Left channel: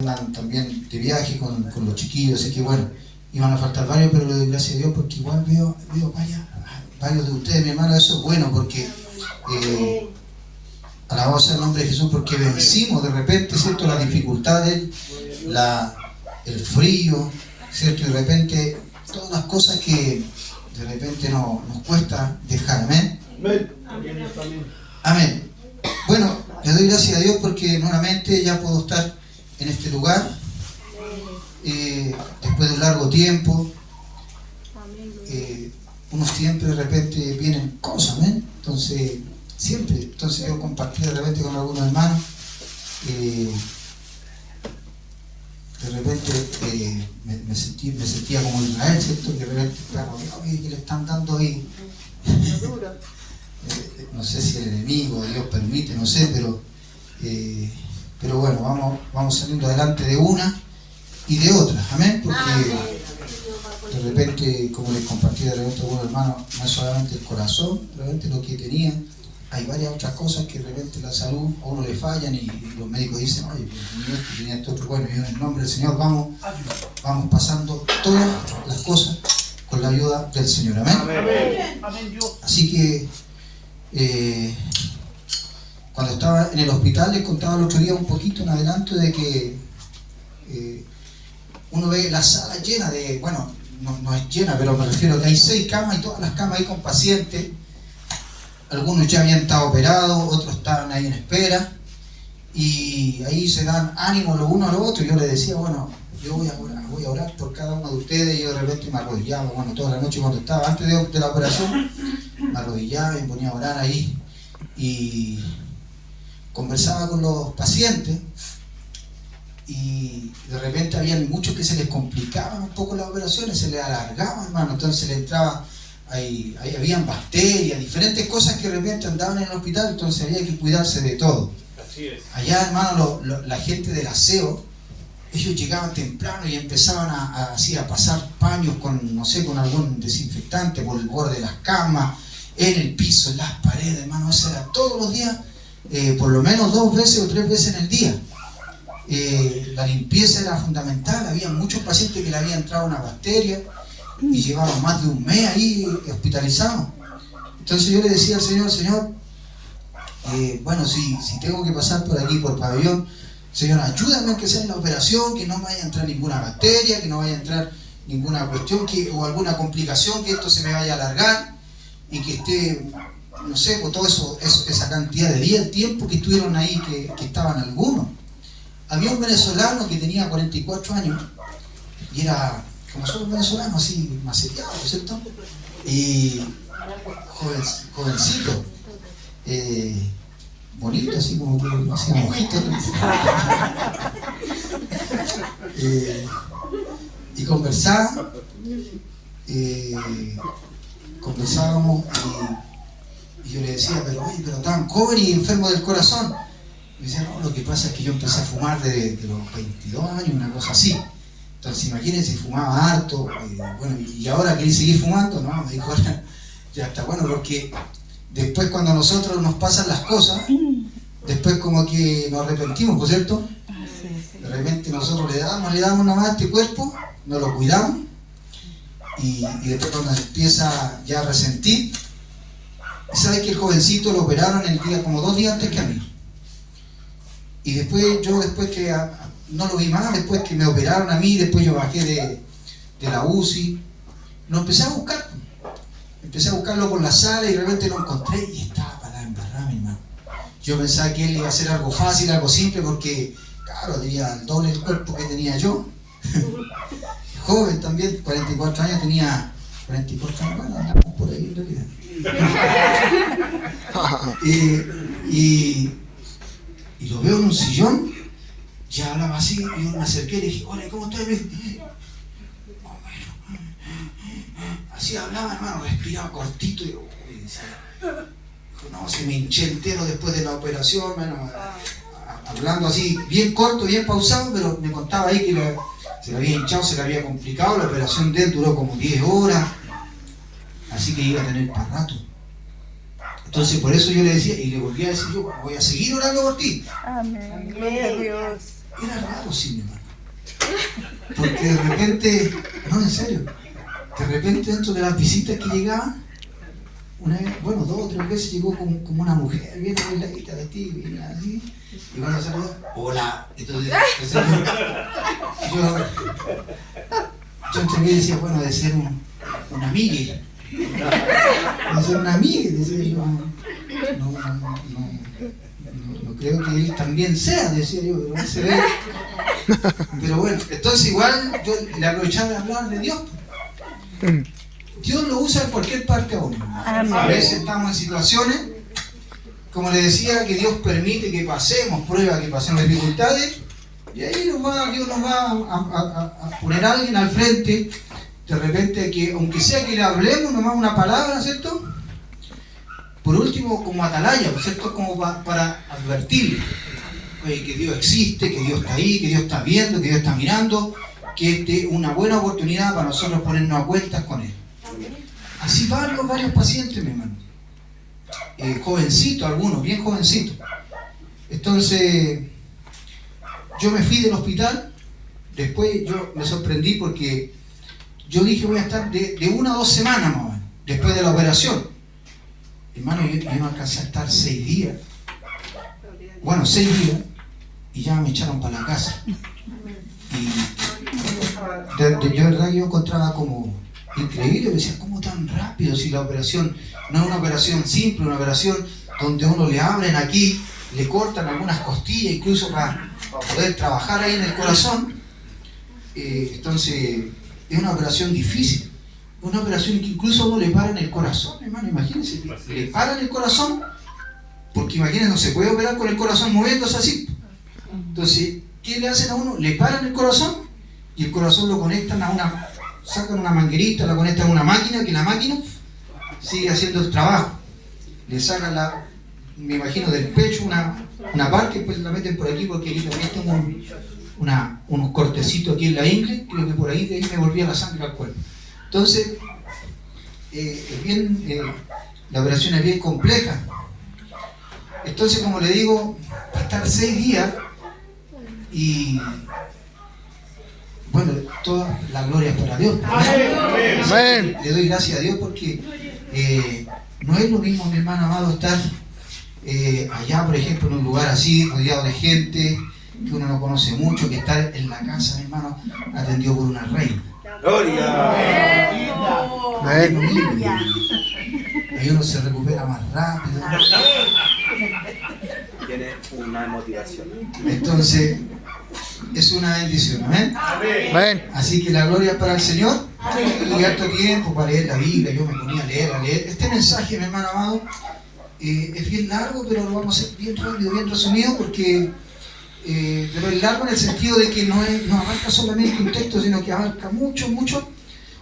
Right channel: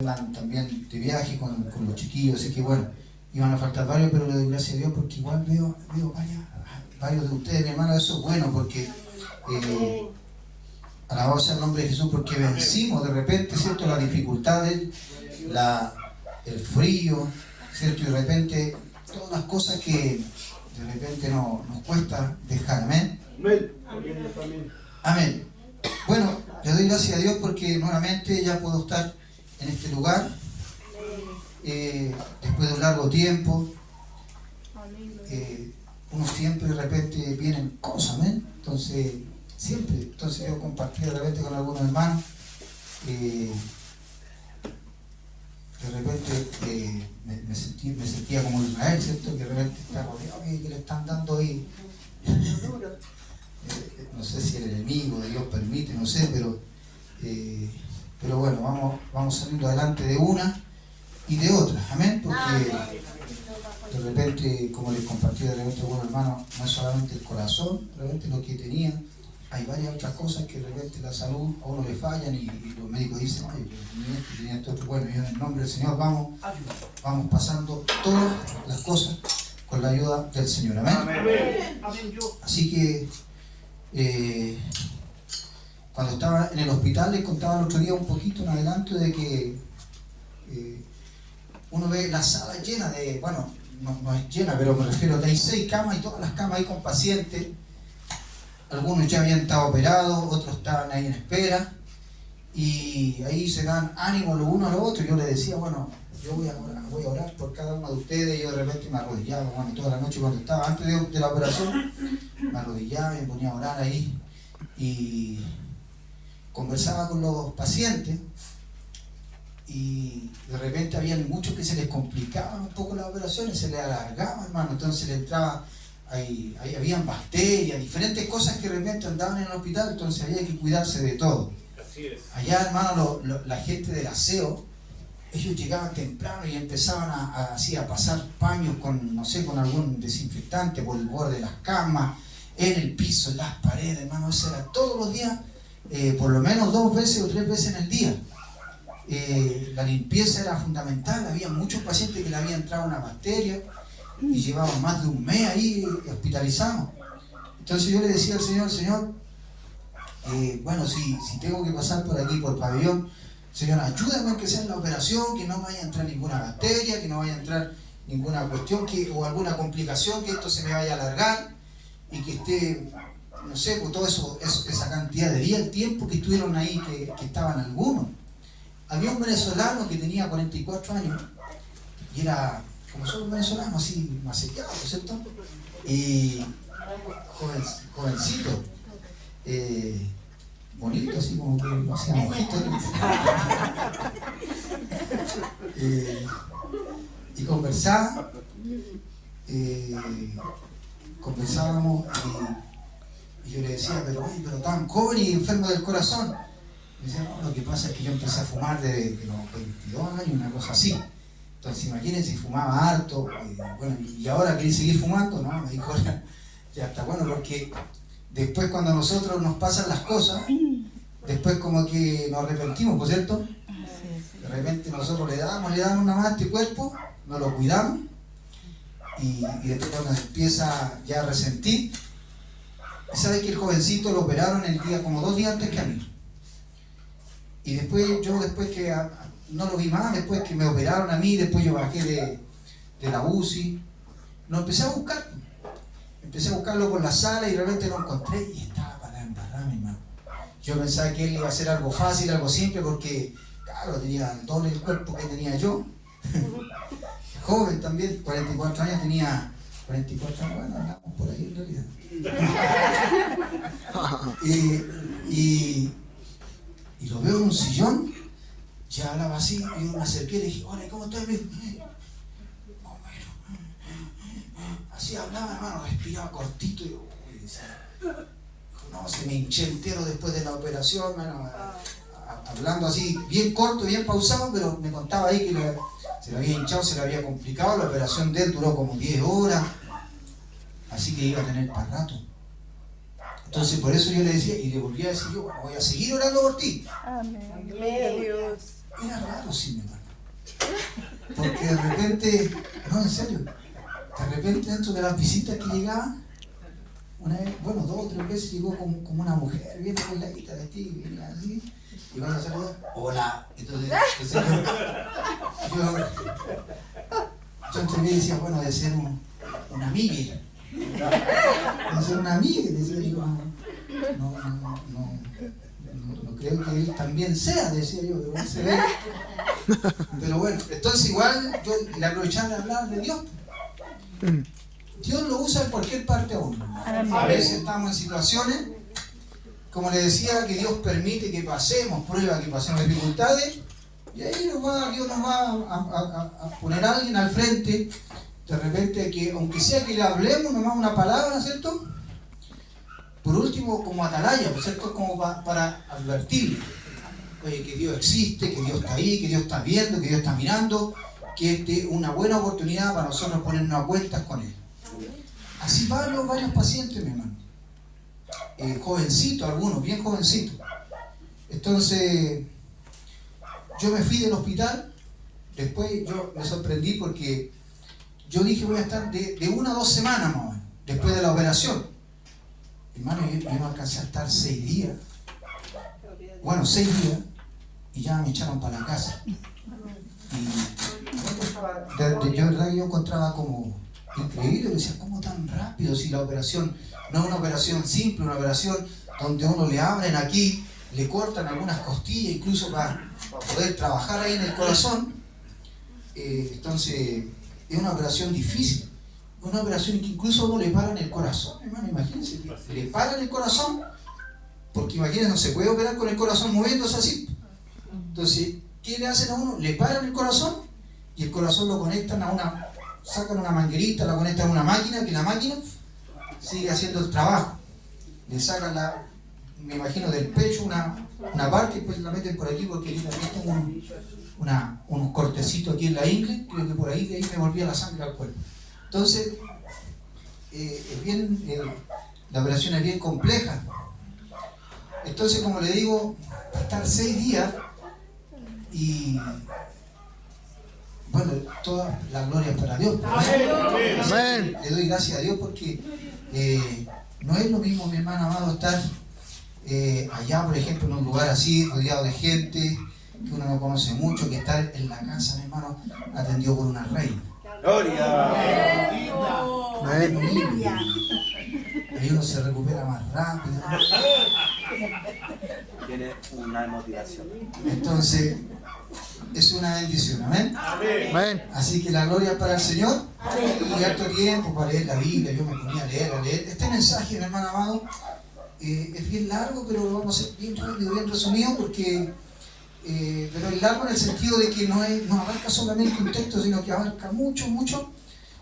andan también de viaje con los chiquillos, así que bueno, iban a faltar varios, pero le doy gracias a Dios porque igual veo varios de ustedes, mi hermano. Eso es bueno porque alabado sea el nombre de Jesús, porque vencimos de repente, ¿cierto?, las dificultades, el frío, ¿cierto?, y de repente todas las cosas que de repente nos cuesta dejar. Amén. Amén. Bueno, le doy gracias a Dios porque nuevamente ya puedo estar en este lugar después de un largo tiempo. Uno siempre de repente vienen cosas, ¿amén? Entonces yo compartí de repente con algunos hermanos, de repente me sentía como Israel, ¿cierto? Que de repente estaba rodeado y que le están dando ahí. No sé si el enemigo, Dios permite, no sé, pero bueno, vamos saliendo adelante de una y de otra, amén, porque de repente, como les compartí de repente a algunos hermanos, no es solamente el corazón, de repente lo que tenía, hay varias otras cosas que de repente la salud a uno le fallan y los médicos dicen, oye, pues tenía esto otro. Bueno, yo en el nombre del Señor vamos pasando todas las cosas con la ayuda del Señor, amén. Así que cuando estaba en el hospital les contaba el otro día un poquito en adelanto de que uno ve la sala llena de, bueno, no es llena, pero me refiero a que hay 6 camas y todas las camas ahí con pacientes. Algunos ya habían estado operados, otros estaban ahí en espera y ahí se dan ánimo lo uno a lo otro. Yo les decía, bueno, yo voy a orar por cada uno de ustedes. Yo de repente me arrodillaba, bueno, toda la noche cuando estaba antes de la operación, me arrodillaba y me ponía a orar ahí y conversaba con los pacientes. Y de repente habían muchos que se les complicaban un poco las operaciones, se les alargaban, hermano, entonces le entraba, ahí habían bacterias, diferentes cosas que de repente andaban en el hospital, entonces había que cuidarse de todo. Así es. Allá, hermano, la gente del aseo, ellos llegaban temprano y empezaban a pasar paños con, no sé, con algún desinfectante por el borde de las camas, en el piso, en las paredes, hermano. Eso era todos los días, por lo menos 2 veces o 3 veces en el día. La limpieza era fundamental. Había muchos pacientes que le había entrado una bacteria y llevaban más de un mes ahí hospitalizados. Entonces yo le decía al Señor, bueno, si tengo que pasar por aquí, por el pabellón, Señor, ayúdame que sea en la operación, que no vaya a entrar ninguna bacteria, que no vaya a entrar ninguna cuestión o alguna complicación, que esto se me vaya a alargar y que esté, no sé, por todo eso, esa cantidad de días, el tiempo que estuvieron ahí, que estaban algunos. Había un venezolano que tenía 44 años y era, como son los venezolanos, así maceteado, ¿cierto? Y jovencito, bonito, así como que hacía mojitos. Y conversábamos y yo le decía, pero tan joven y enfermo del corazón. Me decía, no, lo que pasa es que yo empecé a fumar desde los 22 años, una cosa así. Entonces imagínense, fumaba harto, bueno, y ahora quería seguir fumando, ¿no? Me dijo, ya está bueno, porque después cuando a nosotros nos pasan las cosas, después como que nos arrepentimos, ¿por cierto? De repente nosotros le damos nada más a este cuerpo, nos lo cuidamos, y después cuando se empieza ya a resentir, ¿sabes que el jovencito lo operaron el día, como 2 días antes que a mí? Y después que no lo vi más, después que me operaron a mí, después yo bajé de la UCI, lo empecé a buscar. Empecé a buscarlo por la sala y realmente lo encontré y estaba para la embarrada, mi hermano. Yo pensaba que él iba a hacer algo fácil, algo simple, porque, claro, tenía el doble del cuerpo que tenía yo. Joven también, 44 años tenía, 44 años, bueno, andamos por ahí en realidad. Y lo veo en un sillón, ya hablaba así, y yo me acerqué y le dije, hola, ¿cómo estás? Así hablaba, hermano, respiraba cortito y decía, no, se me hinché entero después de la operación, hermano, hablando así, bien corto, bien pausado, pero me contaba ahí que se le había hinchado, se le había complicado, la operación de él duró como 10 horas, así que iba a tener para rato. Entonces por eso yo le decía, y le volví a decir yo, bueno, voy a seguir orando por ti. Amén. Dios. Era raro, sí, mi hermano. Porque de repente, no, en serio, de repente dentro de las visitas que llegaban, una vez, bueno, 2 o 3 veces llegó como una mujer, bien arregladita, vestida, así, y cuando salió, hola. Entonces yo entre mí decía, bueno, de ser un amigue. De ser un amigue, decía yo, no creo que él también sea, decía yo, pero él se ve. Pero bueno, entonces igual yo le aprovechaba de hablar de Dios. Dios lo usa en cualquier parte a uno. A veces estamos en situaciones, como le decía, que Dios permite que pasemos pruebas, que pasemos dificultades, y ahí Dios nos va a poner a alguien al frente, de repente, que aunque sea que le hablemos nomás una palabra, ¿cierto? Por último, como atalaya, ¿cierto? Como para advertir que Dios existe, que Dios está ahí, que Dios está viendo, que Dios está mirando, que es una buena oportunidad para nosotros ponernos a cuentas con Él. Así varios pacientes, mi hermano. Jovencitos, algunos, bien jovencitos. Entonces, yo me fui del hospital. Después yo me sorprendí porque yo dije voy a estar de 1 a 2 semanas más o menos, después de la operación. Hermano, yo no alcancé a estar 6 días. Bueno, 6 días y ya me echaron para la casa. Y de verdad yo encontraba como increíble, me decía, ¿cómo tan rápido? Si la operación no es una operación simple, una operación donde uno le abren aquí, le cortan algunas costillas, incluso para poder trabajar ahí en el corazón. Entonces, es una operación difícil, una operación que incluso a uno le paran el corazón, hermano, imagínense, le paran el corazón, porque imagínense, no se puede operar con el corazón moviéndose así. Entonces, ¿qué le hacen a uno? Le paran el corazón y el corazón lo conectan sacan una manguerita, la conectan a una máquina, que la máquina sigue haciendo el trabajo. Le sacan me imagino del pecho una parte, después la meten por aquí, porque aquí también tengo unos cortecitos aquí en la ingle, creo que por ahí de ahí me volvía la sangre al cuerpo. Entonces, la operación es bien compleja. Entonces, como le digo, va a estar 6 días y bueno, toda la gloria es para Dios. Amén. Le doy gracias a Dios porque no es lo mismo, mi hermano amado, estar allá, por ejemplo, en un lugar así, rodeado de gente que uno no conoce mucho, que estar en la casa, mi hermano, atendido por una reina. ¡Gloria! Amén. Ahí uno se recupera más rápido. Tiene una motivación. Entonces, es una bendición, ¿amén? Amén. Así que la gloria es para el Señor. Y harto tiempo para leer la Biblia, yo me ponía a leer. Este mensaje, mi hermano amado, es bien largo, pero lo vamos a hacer bien rápido, bien resumido, porque pero es largo en el sentido de que no abarca solamente un texto, sino que abarca mucho,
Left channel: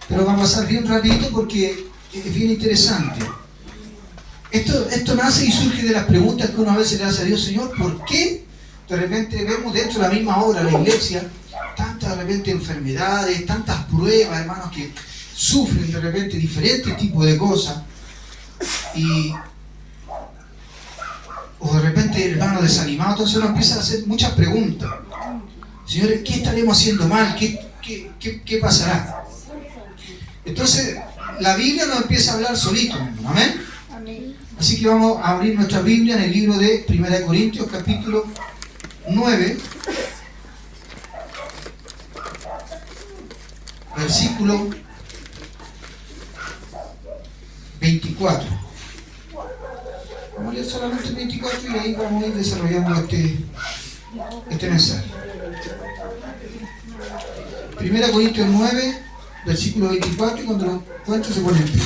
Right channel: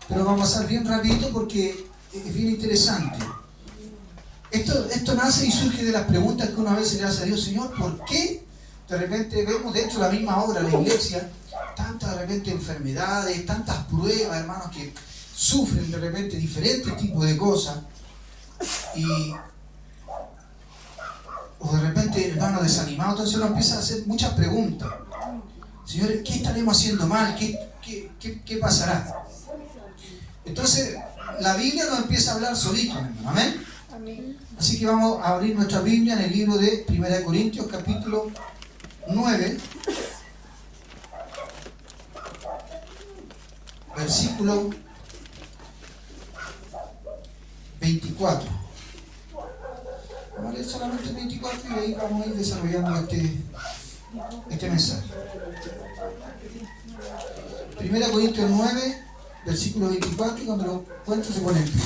pero vamos a hacer bien rapidito porque es bien interesante. Esto nace y surge de las preguntas que uno a veces le hace a Dios: Señor, ¿por qué de repente vemos dentro de la misma obra, la iglesia, tantas de repente enfermedades, tantas pruebas, hermanos, que sufren de repente diferentes tipos de cosas, o de repente, hermano, desanimado? Entonces uno empieza a hacer muchas preguntas. Señores, ¿qué estaremos haciendo mal? ¿Qué pasará? Entonces, la Biblia nos empieza a hablar solito, hermano. ¿Amén? Así que vamos a abrir nuestra Biblia en el libro de 1 Corintios, capítulo 9, versículo 24. Vamos a leer solamente el 24 y ahí vamos a ir desarrollando este mensaje. 1 Corintios 9, versículo 24, y cuando lo encuentre se pone en pie.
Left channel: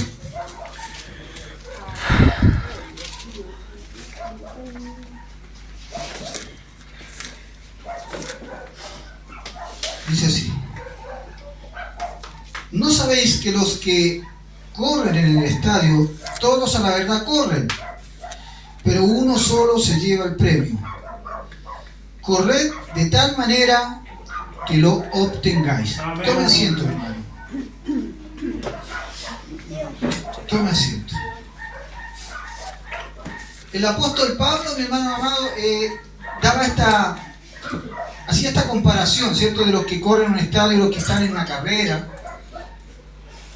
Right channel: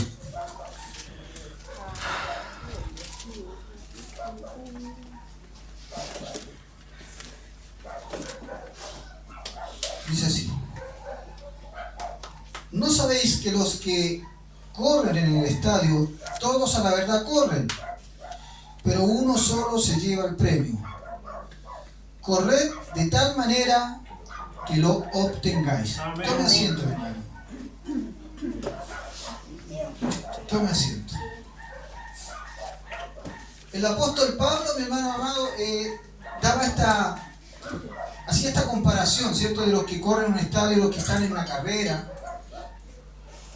Dice así: ¿no sabéis que los que corren en el estadio, todos a la verdad corren, pero uno solo se lleva el premio? Corred de tal manera que lo obtengáis. Tome asiento, mi hermano. Tome asiento. El apóstol Pablo, mi hermano amado, daba hacía esta comparación, ¿cierto?, de los que corren en un estadio y los que están en una carrera.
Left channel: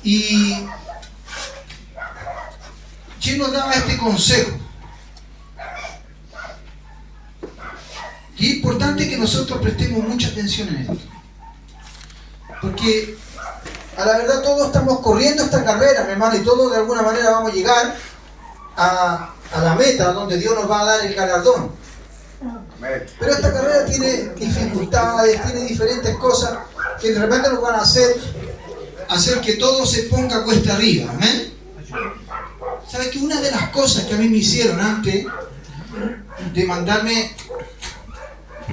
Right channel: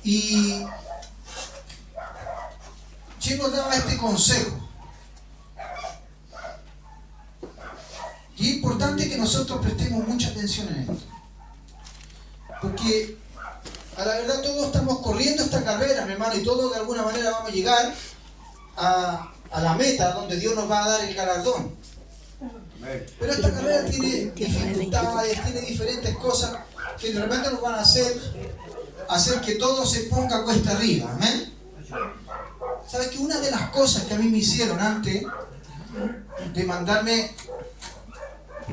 Y él nos daba este consejo. Y es importante que nosotros prestemos mucha atención en esto. Porque a la verdad todos estamos corriendo esta carrera, mi hermano, y todos de alguna manera vamos a llegar a la meta donde Dios nos va a dar el galardón. Pero esta carrera tiene dificultades, tiene diferentes cosas que de repente nos van a hacer que todo se ponga cuesta arriba. ¿Amén? ¿Sabes que una de las cosas que a mí me hicieron antes de mandarme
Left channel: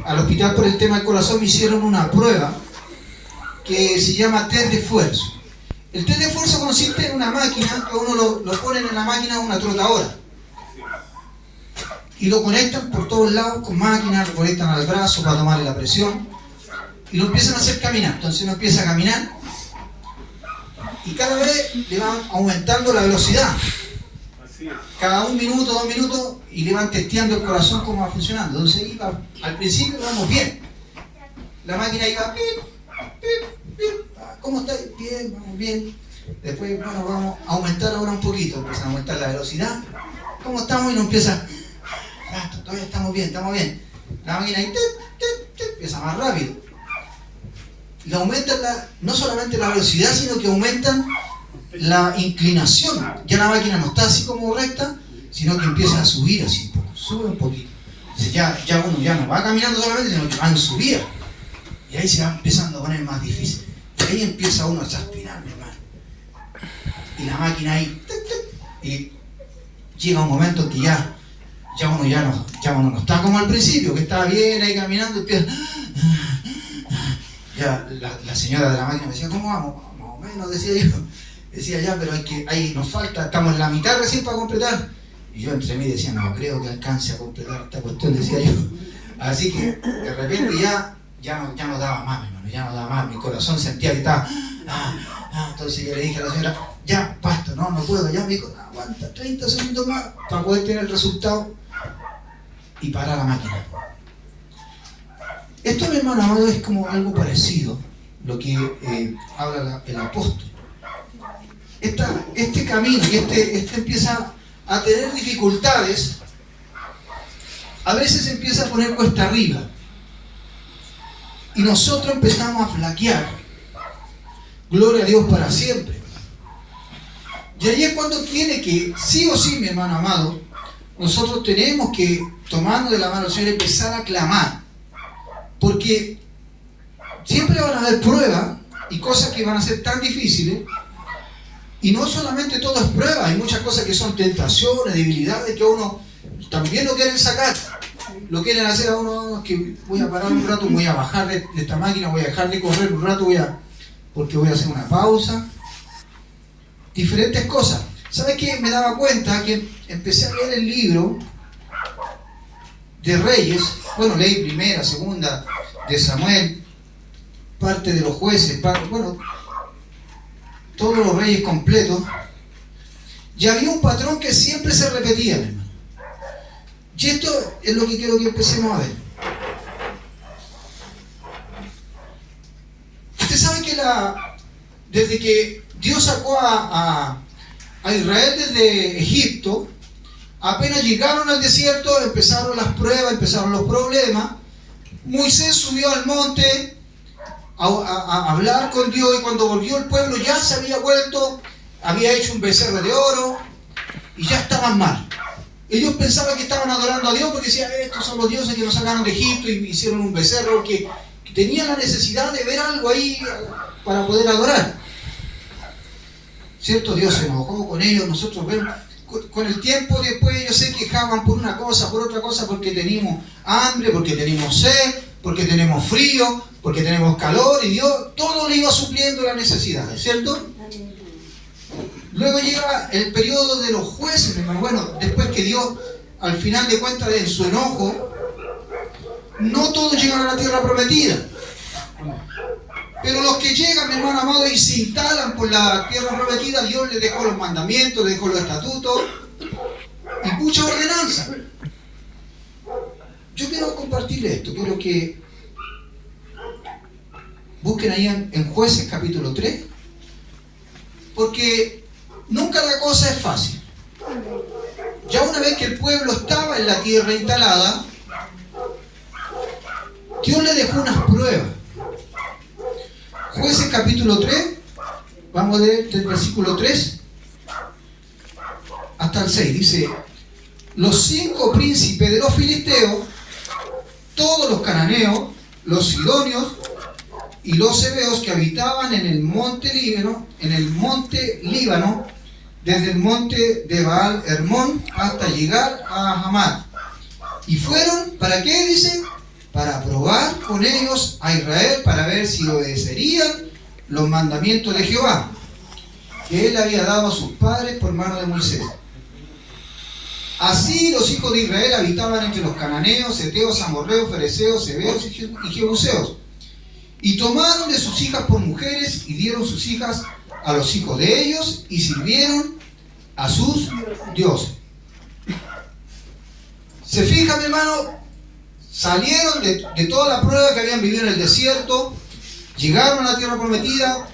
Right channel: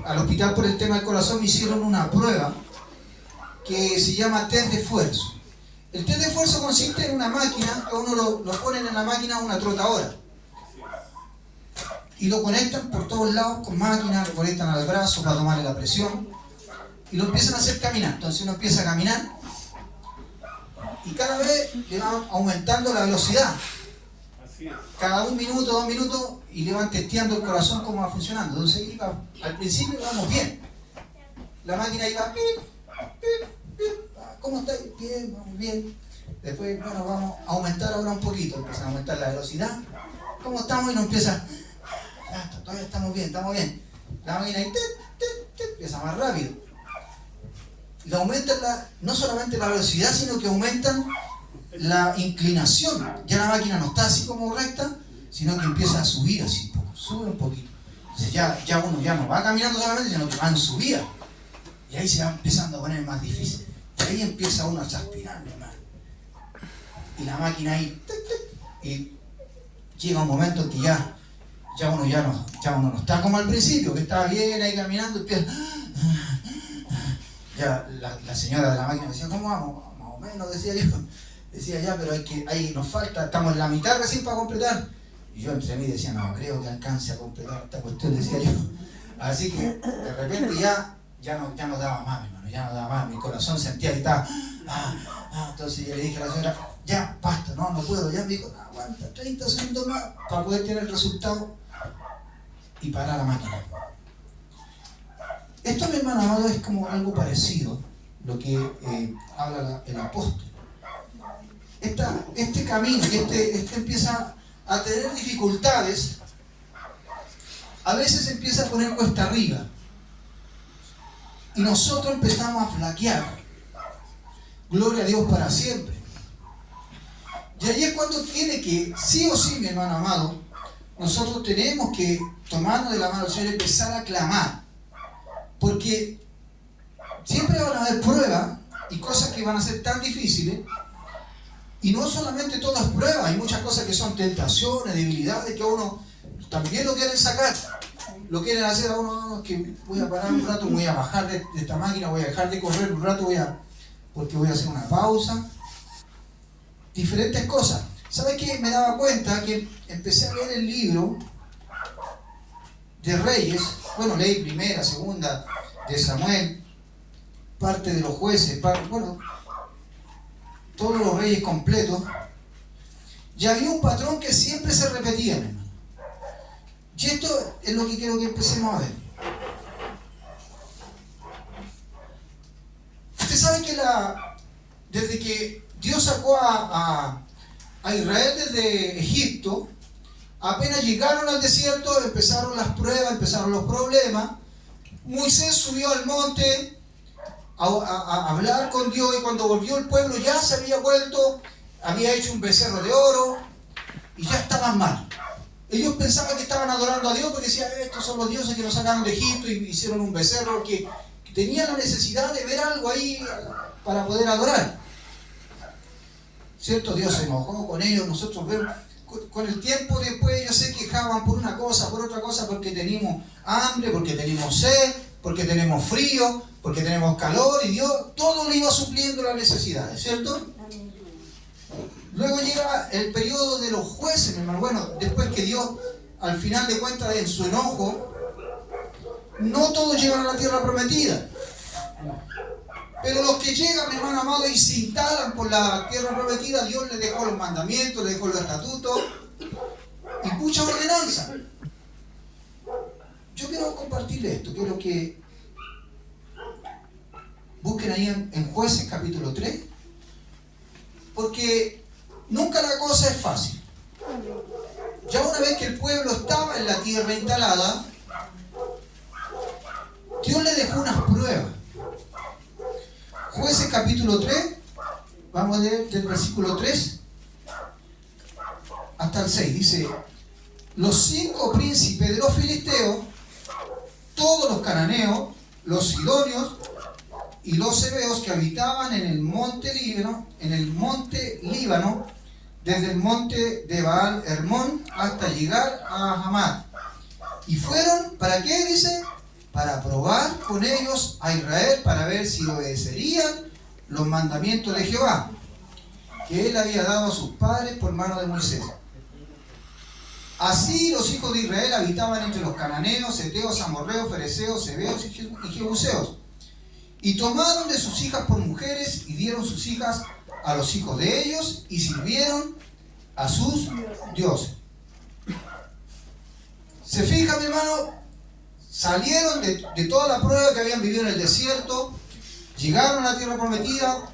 al hospital por el tema del corazón, me hicieron una prueba que se llama test de esfuerzo? El test de esfuerzo consiste en una máquina que uno lo ponen en la máquina una trotadora y lo conectan por todos lados con máquinas, lo conectan al brazo para tomarle la presión y lo empiezan a hacer caminar. Entonces uno empieza a caminar y cada vez le van aumentando la velocidad. Cada 1 minuto, 2 minutos, y le van testeando el corazón cómo va funcionando. Entonces al principio vamos bien. La máquina iba pip, pip, pip. ¿Cómo está? Bien, vamos bien. Después, bueno, vamos a aumentar ahora un poquito. Empieza a aumentar la velocidad. ¿Cómo estamos? Y nos empieza. Todavía estamos bien, estamos bien. La máquina ahí, empieza más rápido. Le aumentan no solamente la velocidad, sino que aumentan la inclinación. Ya la máquina no está así como recta, sino que empieza a subir así un poco, sube un poquito. Entonces ya uno ya no va caminando solamente, sino que va en subida. Y ahí se va empezando a poner más difícil. Y ahí empieza uno a transpirar, mi hermano. Y la máquina ahí, y llega un momento en que ya uno no está como al principio, que estaba bien ahí caminando, y empieza. Ya la señora de la máquina me decía, ¿cómo vamos? Más o menos, decía yo. Decía, ya, pero ahí nos falta, estamos en la mitad recién para completar. Y yo entre mí decía, no creo que alcance a completar esta cuestión, decía yo. Así que de repente ya no daba más, hermano, ya no daba más. Mi corazón sentía que estaba. Entonces yo le dije a la señora, ya, basta, no puedo. Ya me dijo, aguanta 30 segundos más para poder tener el resultado y parar la máquina. Esto, mi hermano amado, es como algo parecido lo que habla el apóstol. Este camino, este empieza a tener dificultades, a veces empieza a poner cuesta arriba y nosotros empezamos a flaquear. Gloria a Dios para siempre. Y ahí es cuando tiene que, sí o sí, mi hermano amado, nosotros tenemos que tomarnos de la mano del Señor y empezar a clamar, porque siempre van a haber pruebas y cosas que van a ser tan difíciles. Y no solamente todo es prueba, hay muchas cosas que son tentaciones, debilidades que a uno también lo quieren sacar. Lo quieren hacer a uno, que voy a parar un rato, voy a bajar de esta máquina, voy a dejar de correr un rato, porque voy a hacer una pausa. Diferentes cosas. ¿Sabes qué? Me daba cuenta que empecé a leer el libro de Reyes. Bueno, leí primera, segunda, de Samuel, parte de los jueces, todos los reyes completos, y había un patrón que siempre se repetía, hermano. Y esto es lo que quiero que empecemos a ver. Usted sabe que desde que Dios sacó a Israel desde Egipto, apenas llegaron al desierto, empezaron las pruebas, empezaron los problemas. Moisés subió al monte a hablar con Dios, y cuando volvió el pueblo ya se había vuelto, había hecho un becerro de oro y ya estaban mal. Ellos pensaban que estaban adorando a Dios porque decían, estos son los dioses que nos sacaron de Egipto, y hicieron un becerro que tenía la necesidad de ver algo ahí para poder adorar. ¿Cierto? Dios se enojó con ellos. Nosotros vemos, con el tiempo después ellos se quejaban por una cosa, por otra cosa, porque teníamos hambre, porque teníamos sed, porque tenemos frío, porque tenemos calor, y Dios todo le iba supliendo las necesidades, ¿cierto? Luego llega el periodo de los jueces, hermano. Bueno, después que Dios, al final de cuentas, en su enojo, no todos llegaron a la tierra prometida. Pero los que llegan, mi hermano amado, y se instalan por la tierra prometida, Dios les dejó los mandamientos, les dejó los estatutos y mucha ordenanza. Yo quiero compartirle esto, quiero que Busquen ahí en Jueces capítulo 3, porque nunca la cosa es fácil. Ya una vez que el pueblo estaba en la tierra instalada, Dios le dejó unas pruebas. Jueces capítulo 3, vamos a leer del versículo 3 hasta el 6, dice: los 5 príncipes de los filisteos, todos los cananeos, los sidonios y los heveos que habitaban en el monte Líbano, desde el monte de Baal Hermón hasta llegar a Hamat. Y fueron, ¿para qué? Dice, para probar con ellos a Israel, para ver si obedecerían los mandamientos de Jehová, que él había dado a sus padres por mano de Moisés. Así los hijos de Israel habitaban entre los cananeos, heteos, amorreos, fereceos, heveos y jebuseos. Y tomaron de sus hijas por mujeres y dieron sus hijas a los hijos de ellos y sirvieron a sus dioses. ¿Se fijan, mi hermano? Salieron de toda la prueba que habían vivido en el desierto, llegaron a la tierra prometida.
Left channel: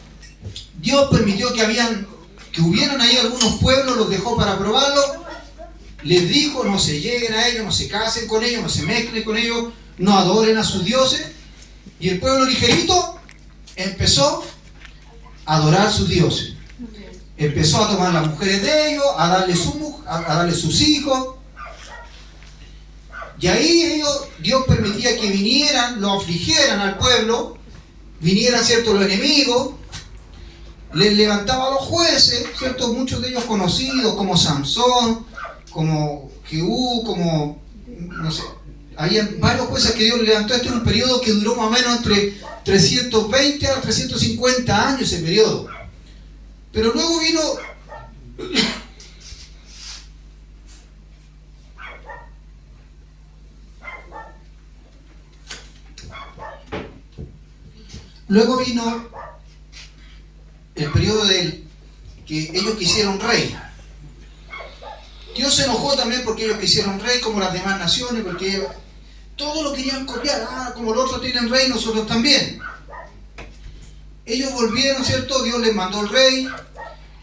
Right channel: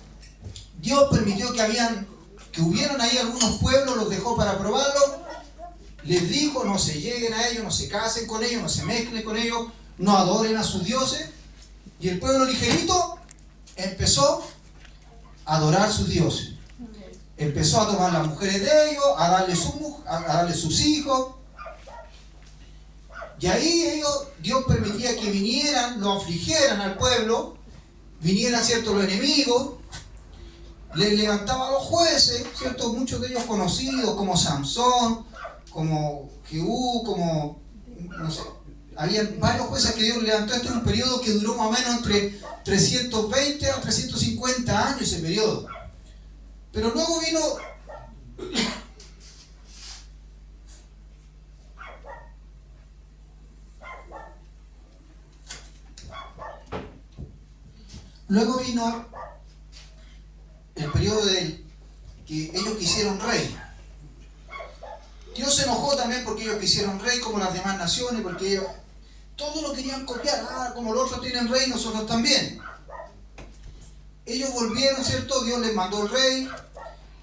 Dios permitió que hubieran ahí algunos pueblos, los dejó para probarlo. Les dijo, no se lleguen a ellos, no se casen con ellos, no se mezclen con ellos, no adoren a sus dioses. Y el pueblo ligerito empezó a adorar a sus dioses. Empezó a tomar las mujeres de ellos, a darle sus hijos. Y ahí Dios permitía que vinieran, lo afligieran al pueblo, vinieran, ¿cierto?, los enemigos, les levantaba a los jueces, ¿cierto?, muchos de ellos conocidos como Samson, como Jehú, como, no sé, había varios jueces que Dios levantó. Este es un periodo que duró más o menos entre 320 a 350 años, ese periodo. Pero luego vino el periodo que ellos quisieron rey. Dios se enojó también porque ellos quisieron rey, como las demás naciones, porque ellos todo lo querían copiar. Como los otros tienen rey, nosotros también. Ellos volvieron, ¿cierto? Dios les mandó el rey,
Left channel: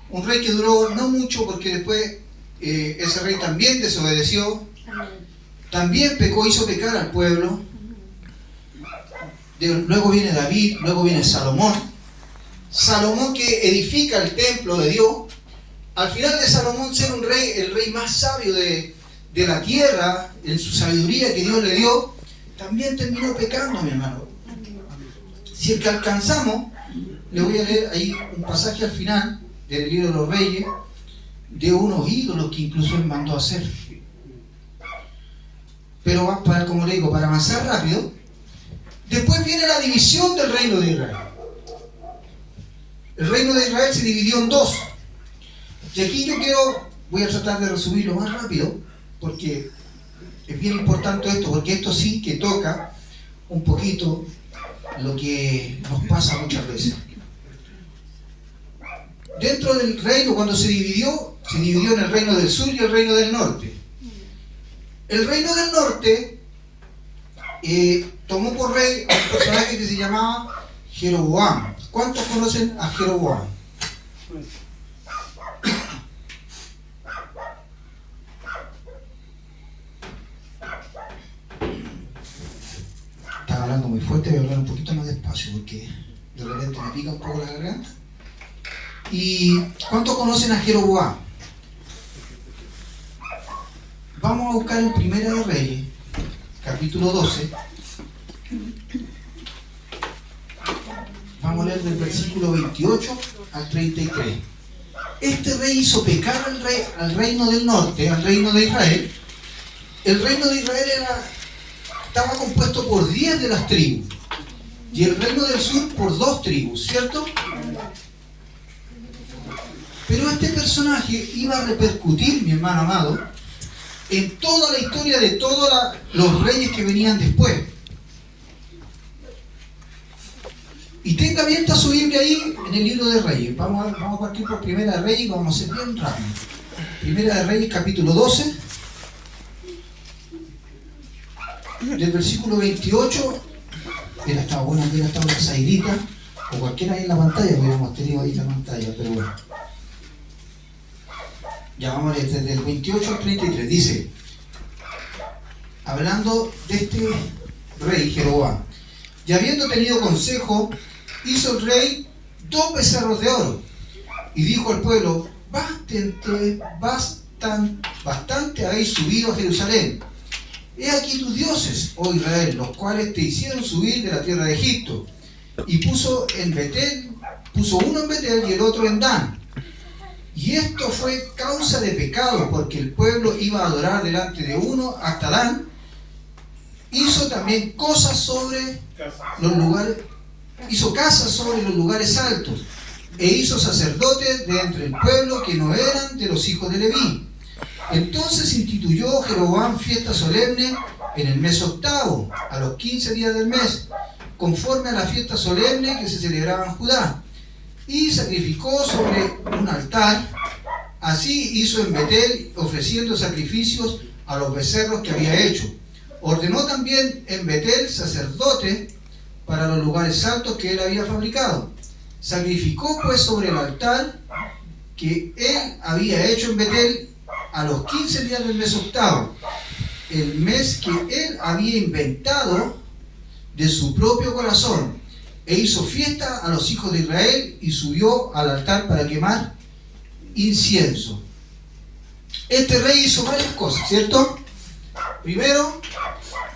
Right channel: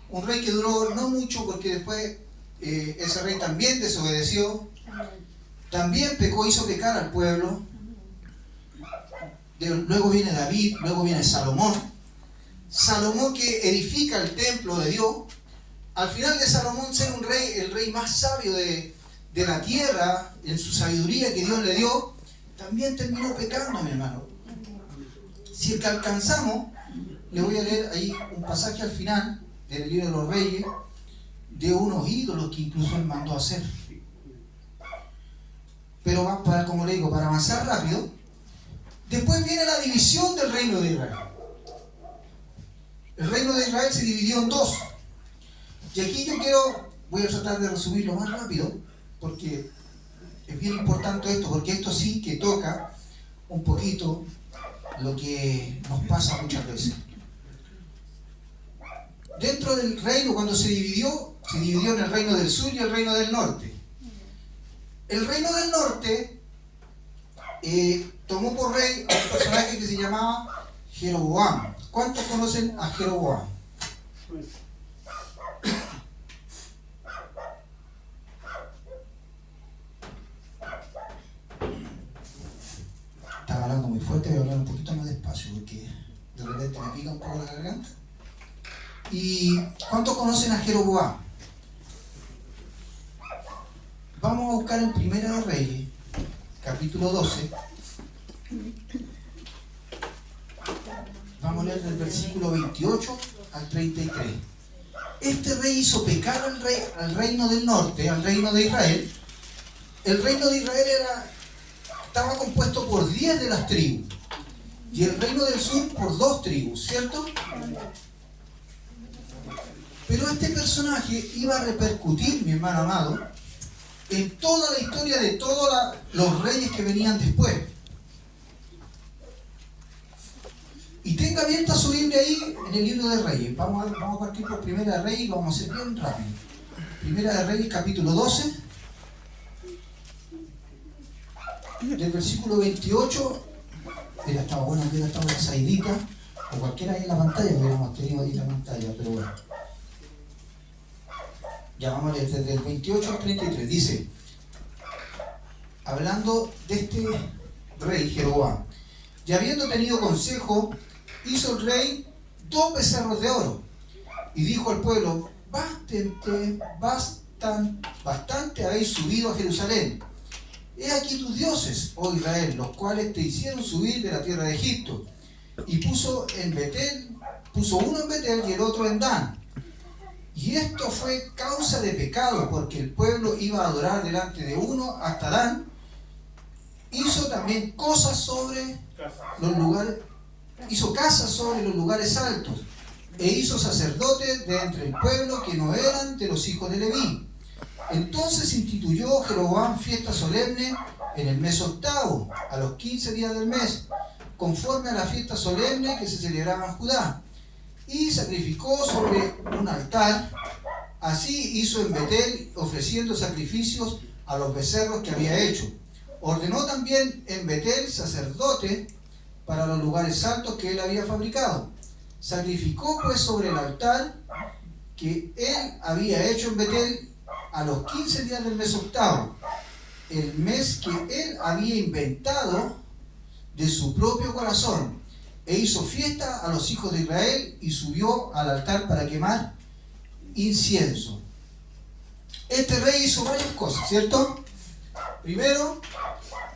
un rey que duró no mucho, porque después ese rey también desobedeció, también pecó, hizo pecar al pueblo. Luego viene David, luego viene Salomón que edifica el templo de Dios. Al final de Salomón ser un rey, el rey más sabio de la tierra, en su sabiduría que Dios le dio, también terminó pecando, mi hermano. Si el que alcanzamos, le voy a leer ahí un pasaje al final del libro de los Reyes, de unos ídolos que incluso él mandó a hacer. Pero como le digo, para avanzar rápido, después viene la división del reino de Israel. El reino de Israel se dividió en 2. Y aquí voy a tratar de resumirlo más rápido, porque es bien importante esto, porque esto sí que toca un poquito lo que nos pasa muchas veces. Dentro del reino, cuando se dividió en el reino del sur y el reino del norte. El reino del norte tomó por rey a un personaje que se llamaba Jeroboam. ¿Cuántos conocen a Jeroboam? Estaba hablando muy fuerte, voy a hablar un poquito más despacio porque de repente me pica un poco la garganta. ¿Y cuántos conocen a Jeroboam? Vamos a buscar en Primera de Reyes, capítulo 12. Vamos a leer del versículo 28 al 33. Este rey hizo pecar al reino del norte, al reino de Israel. El reino de Israel estaba compuesto por 10 de las tribus y el reino del sur por 2 tribus, ¿cierto? Pero este personaje iba a repercutir, mi hermano amado, en toda la historia de todos los reyes que venían después. Y tenga abierta su Biblia ahí en el libro de Reyes. Vamos a partir por Primera de Reyes y vamos a hacer bien rápido. Primera de Reyes, capítulo 12, del versículo 28 hasta estado bueno que hubiera estado la Zairita, o cualquiera ahí en la pantalla, hubiéramos tenido ahí la pantalla, pero bueno. Ya vamos a leer desde el 28 al 33, dice, hablando de este rey Jeroboam, y habiendo tenido consejo, hizo el rey 2 becerros de oro, y dijo al pueblo, bastante habéis subido a Jerusalén. He aquí tus dioses, oh Israel, los cuales te hicieron subir de la tierra de Egipto. Y puso uno en Betel y el otro en Dan. Y esto fue causa de pecado, porque el pueblo iba a adorar delante de uno hasta Dan. Hizo también cosas sobre los lugares, hizo casas sobre los lugares altos, e hizo sacerdotes de entre el pueblo que no eran de los hijos de Leví. Entonces instituyó Jeroboam fiesta solemne en el mes octavo, a los 15 días del mes, conforme a la fiesta solemne que se celebraba en Judá, y sacrificó sobre un altar. Así hizo en Betel, ofreciendo sacrificios a los becerros que había hecho. Ordenó también en Betel sacerdote para los lugares altos que él había fabricado. Sacrificó pues sobre el altar que él había hecho en Betel a los 15 días del mes octavo, el mes que él había inventado de su propio corazón, e hizo fiesta a los hijos de Israel y subió al altar para quemar incienso. Este rey hizo varias cosas, ¿cierto? Primero,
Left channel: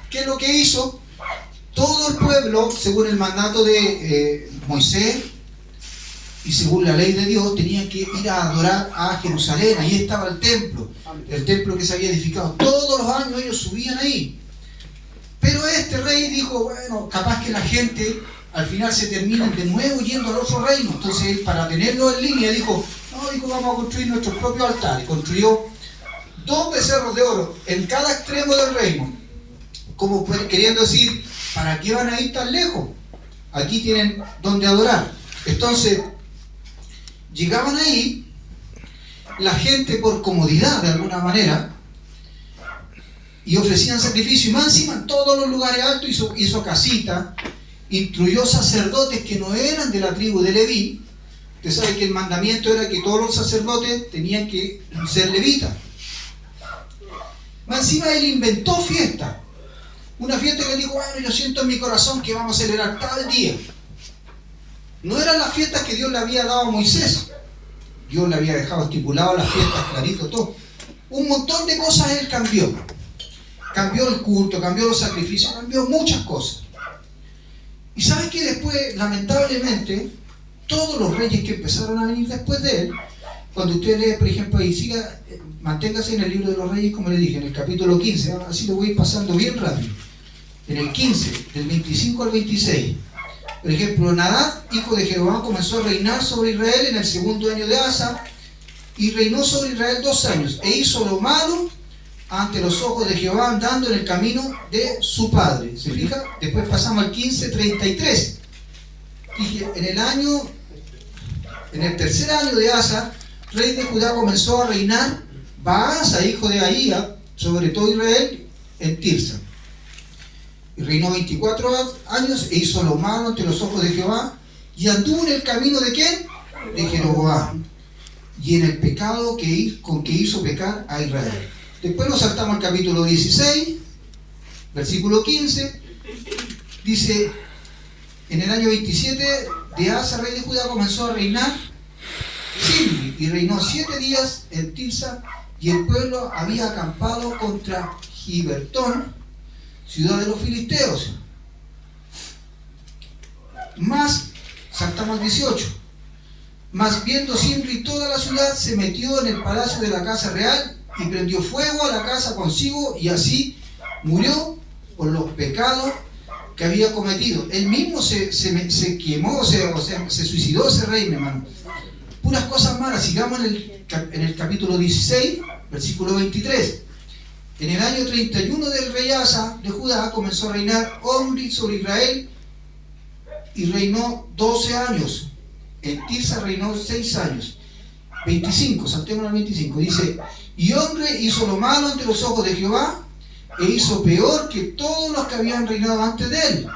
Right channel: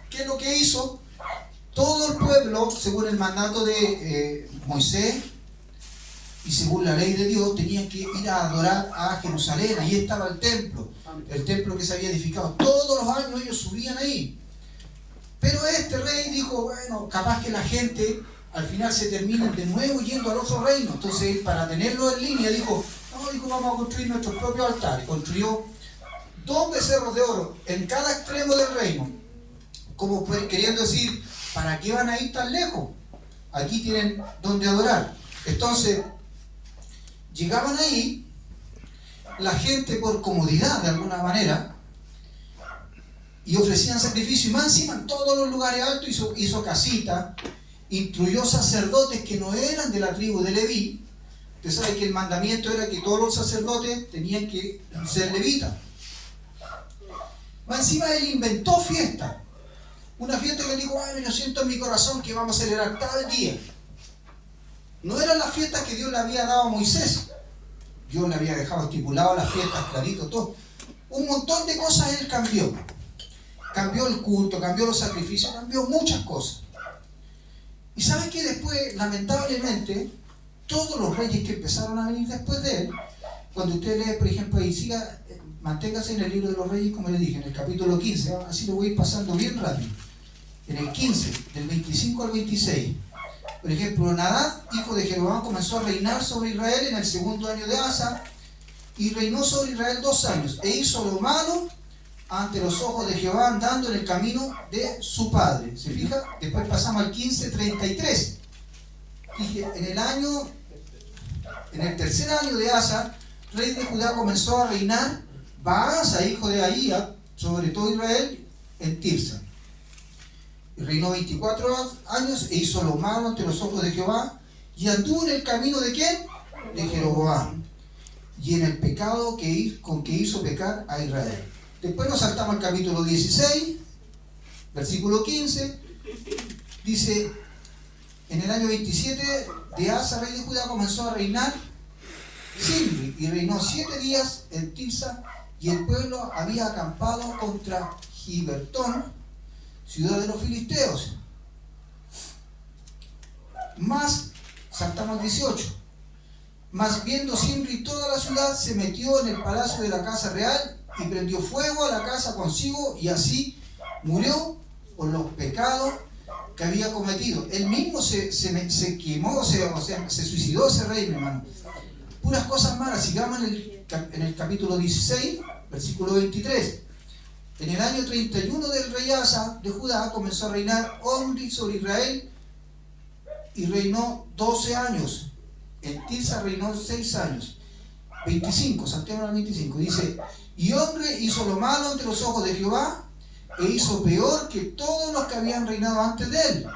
¿qué es lo que hizo? Todo el pueblo, según el mandato de Moisés y según la ley de Dios, tenían que ir a adorar a Jerusalén. Ahí estaba el templo que se había edificado. Todos los años ellos subían ahí. Pero este rey dijo, bueno, capaz que la gente al final se termina de nuevo yendo al otro reino. Entonces él, para tenerlo en línea, dijo, vamos a construir nuestro propio altar. Y construyó 2 becerros de oro en cada extremo del reino, como queriendo decir, ¿para qué van a ir tan lejos? Aquí tienen donde adorar. Entonces llegaban ahí, la gente por comodidad de alguna manera, y ofrecían sacrificio, y más encima en todos los lugares altos hizo casita, instruyó sacerdotes que no eran de la tribu de Leví. Usted sabe que el mandamiento era que todos los sacerdotes tenían que ser levitas. Más encima él inventó fiesta, una fiesta que dijo, bueno, yo siento en mi corazón que vamos a celebrar tal día. No eran las fiestas que Dios le había dado a Moisés. Dios le había dejado estipulado las fiestas, clarito, todo. Un montón de cosas él cambió. Cambió el culto, cambió los sacrificios, cambió muchas cosas. Y sabes que después, lamentablemente, todos los reyes que empezaron a venir después de él, cuando usted lee, por ejemplo, y manténgase en el libro de los reyes, como le dije, en el capítulo 15, así lo voy a ir pasando bien rápido. En el 15, del 25 al 26. Por ejemplo, Nadab, hijo de Jeroboam, comenzó a reinar sobre Israel en el 2.º año de Asa, y reinó sobre Israel 2 años, e hizo lo malo ante los ojos de Jehová, andando en el camino de su padre. ¿Se fija? Después pasamos al 15:33. Dije, en el 3.er año de Asa, rey de Judá, comenzó a reinar Baasa, hijo de Ahía, sobre todo Israel, en Tirsa. Y reinó 24 años e hizo lo malo ante los ojos de Jehová, y anduvo en el camino ¿de quién? De Jeroboam, y en el pecado con que hizo pecar a Israel. Después nos saltamos al capítulo 16, versículo 15, dice, en el año 27 de Asa, rey de Judá, comenzó a reinar Zimri, y reinó 7 días en Tirsa, y el pueblo había acampado contra Gibertón, ciudad de los filisteos. Saltamos al 18. Mas viendo Zimri toda la ciudad, se metió en el palacio de la casa real y prendió fuego a la casa consigo, y así murió por los pecados que había cometido. Él mismo se quemó, se suicidó ese rey, mi hermano. Puras cosas malas. Sigamos en el capítulo 16, versículo 23. En el año 31 del rey Asa de Judá comenzó a reinar Omri sobre Israel, y reinó 12 años. En Tirsa reinó 6 años. 25, saltemos al 25. Dice, y Omri hizo lo malo ante los ojos de Jehová, e hizo peor que todos los que habían reinado antes de él,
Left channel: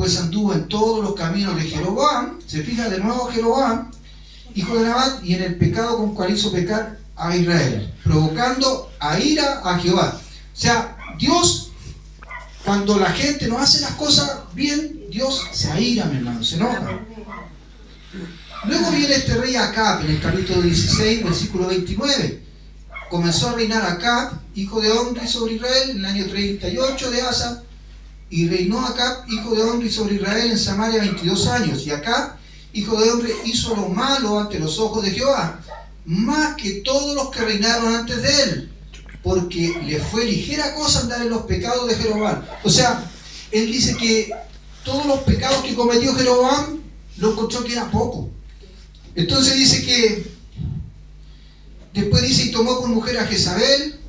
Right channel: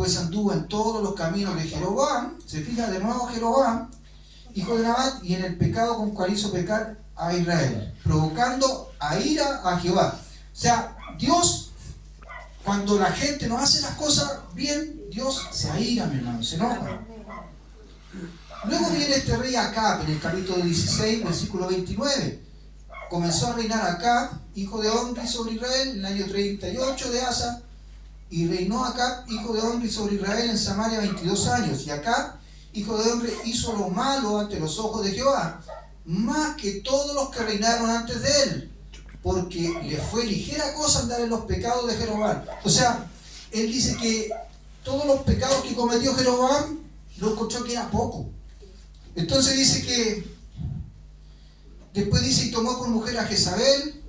pues anduvo en todos los caminos de Jeroboam, se fija de nuevo Jeroboam, hijo de Nabat, y en el pecado con cual hizo pecar a Israel, provocando a ira a Jehová. O sea, Dios, cuando la gente no hace las cosas bien, Dios se aira, mi hermano, se enoja. Luego viene este rey Acab, en el capítulo 16, versículo 29. Comenzó a reinar Acab, hijo de Omri, sobre Israel, en el año 38 de Asa, y reinó Acab, hijo de Omri, sobre Israel en Samaria 22 años. Y Acab, hijo de Omri, hizo lo malo ante los ojos de Jehová, más que todos los que reinaron antes de él, porque le fue ligera cosa andar en los pecados de Jeroboam. O sea, él dice que todos los pecados que cometió Jeroboam lo encontró que era poco. Entonces dice que después dice, y tomó por mujer a Jezabel,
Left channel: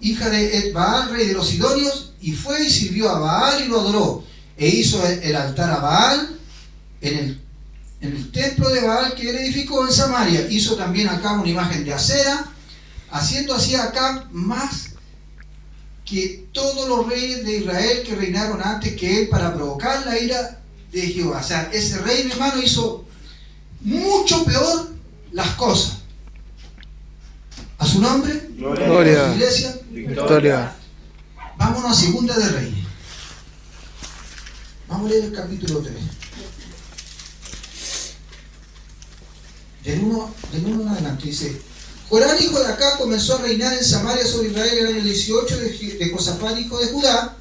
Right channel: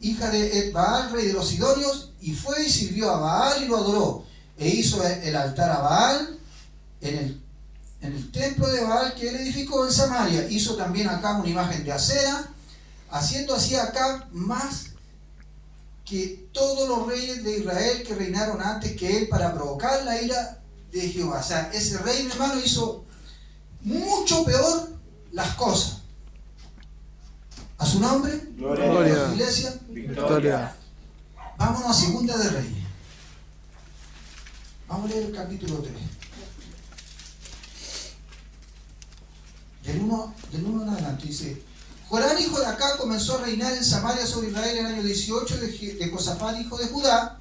hija de Ed-Baal, rey de los Sidonios, y fue y sirvió a Baal y lo adoró, e hizo el altar a Baal en el templo de Baal que él edificó en Samaria. Hizo también acá una imagen de acera, haciendo así acá más que todos los reyes de Israel que reinaron antes que él, para provocar la ira de Jehová. O sea, ese rey, mi hermano, hizo mucho peor las cosas. A su nombre, Gloria. a su iglesia, Victoria. vámonos a Segunda de Reyes. Vamos a leer el capítulo 3. Del 1 en adelante dice: Joram, hijo de Acab, comenzó a reinar en Samaria sobre Israel en el año 18 de Josafat, hijo de Judá,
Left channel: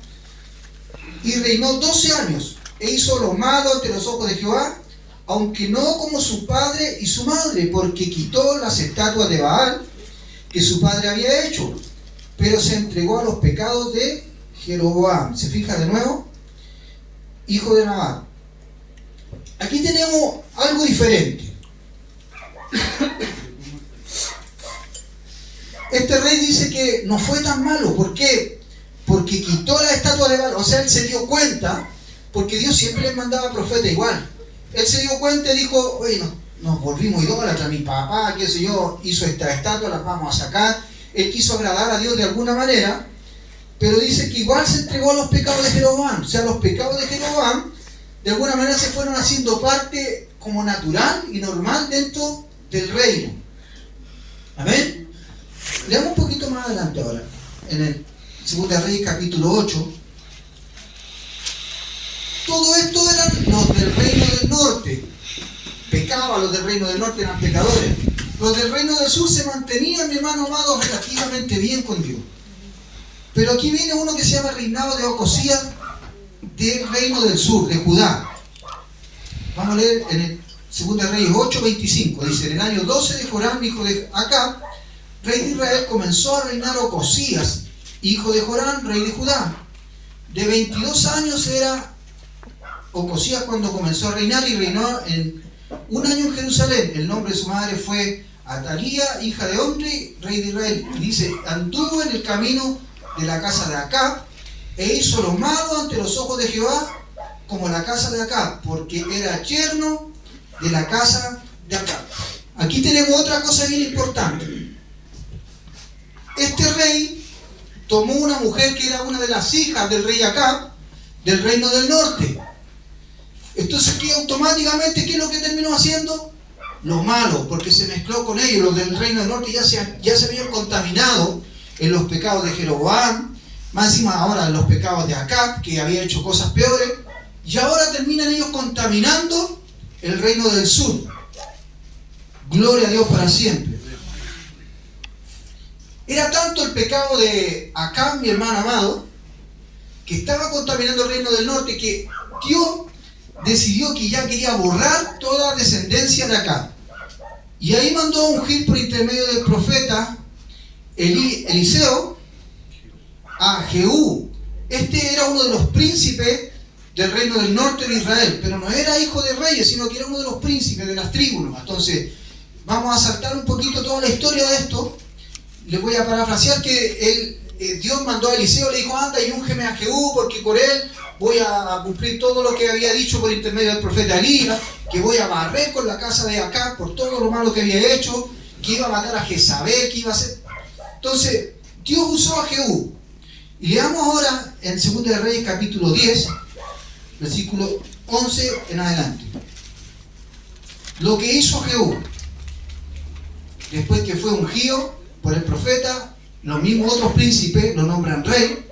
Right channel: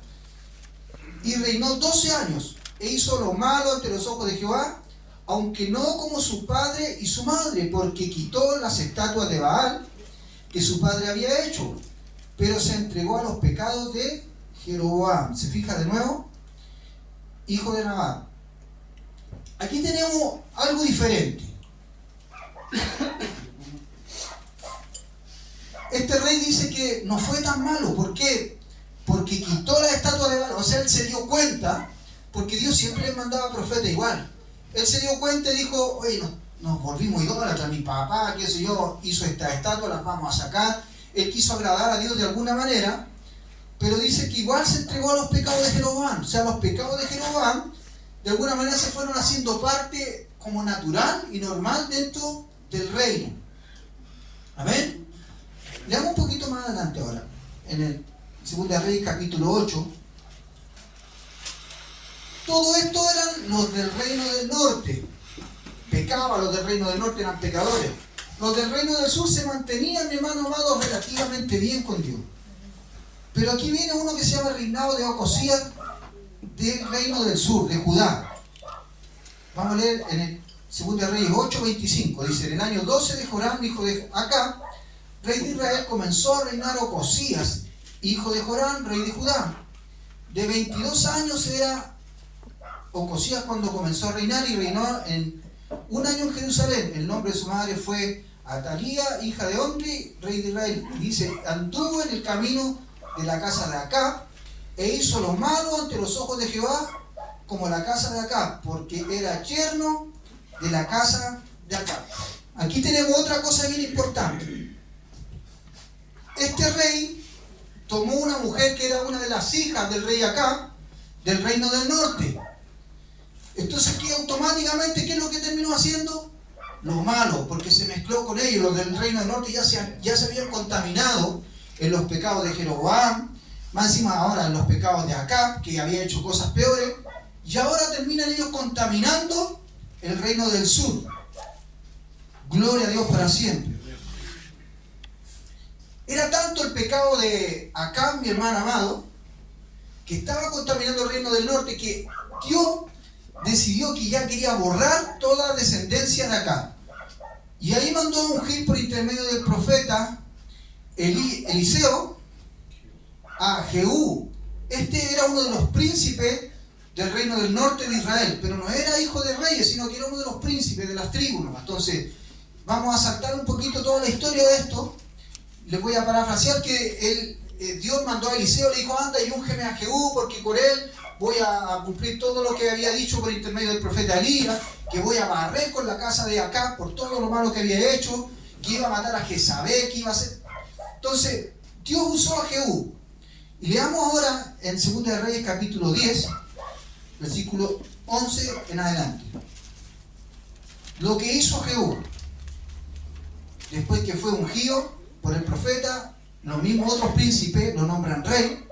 y reinó 12 años, e hizo lo malo ante los ojos de Jehová, aunque no como su padre y su madre, porque quitó las estatuas de Baal que su padre había hecho, pero se entregó a los pecados de Jeroboam. ¿Se fija de nuevo? Hijo de Nabat. Aquí tenemos algo diferente. Este rey dice que no fue tan malo. ¿Por qué? Porque quitó la estatua de Baal. O sea, él se dio cuenta, porque Dios siempre le mandaba profeta igual. Él se dio cuenta y dijo: oye, nos volvimos idólatras, mi papá, qué sé yo, hizo esta estatua, las vamos a sacar. Él quiso agradar a Dios de alguna manera, pero dice que igual se entregó a los pecados de Jeroboam. O sea, los pecados de Jeroboam de alguna manera se fueron haciendo parte como natural y normal dentro del reino. Amén. Leamos un poquito más adelante ahora, en el 2 Reyes capítulo 8. Todo esto eran los del reino del norte. Pecaban los del reino del norte, eran pecadores. Los del reino del sur se mantenían, mi hermano amado, relativamente bien con Dios. Pero aquí viene uno que se llama reinado de Ocosías, del reino del sur, de Judá. Vamos a leer en el 2 Reyes 8:25. Dice: en el año 12 de Joram, hijo de Acab, rey de Israel, comenzó a reinar Ocosías, hijo de Joram, rey de Judá. De 22 años era Ocosías cuando comenzó a reinar, y reinó en un año en Jerusalén. El nombre de su madre fue Atalía, hija de Omri, rey de Israel. Y dice: anduvo en el camino de la casa de Acab, e hizo lo malo ante los ojos de Jehová, como la casa de Acab, porque era yerno de la casa de Acab. Aquí tenemos otra cosa bien importante. Este rey tomó una mujer que era una de las hijas del rey Acab, del reino del norte. Entonces, ¿qué automáticamente qué es lo que terminó haciendo? Lo malo, porque se mezcló con ellos. Los del reino del norte ya se habían contaminado en los pecados de Jeroboam, más encima ahora en los pecados de Acab, que había hecho cosas peores, y ahora terminan ellos contaminando el reino del sur. Gloria a Dios para siempre. Era tanto el pecado de Acab, mi hermano amado, que estaba contaminando el reino del norte, que Dios decidió que ya quería borrar toda descendencia de Acab. Y ahí mandó a ungir por intermedio del profeta Eliseo a Jehú. Este era uno de los príncipes del reino del norte de Israel, pero no era hijo de reyes, sino que era uno de los príncipes de las tribus. Entonces, vamos a saltar un poquito toda la historia de esto. Les voy a parafrasear que Dios mandó a Eliseo, le dijo: anda y úngeme a Jehú, porque por él voy a cumplir todo lo que había dicho por intermedio del profeta Elías, que voy a barrer con la casa de Acab por todo lo malo que había hecho, que iba a matar a Jezabel, que iba a hacer. Entonces, Dios usó a Jehú. Y leamos ahora en 2 Reyes capítulo 10, versículo 11 en adelante. Lo que hizo Jehú, después que fue ungido por el profeta, los mismos otros príncipes lo nombran rey.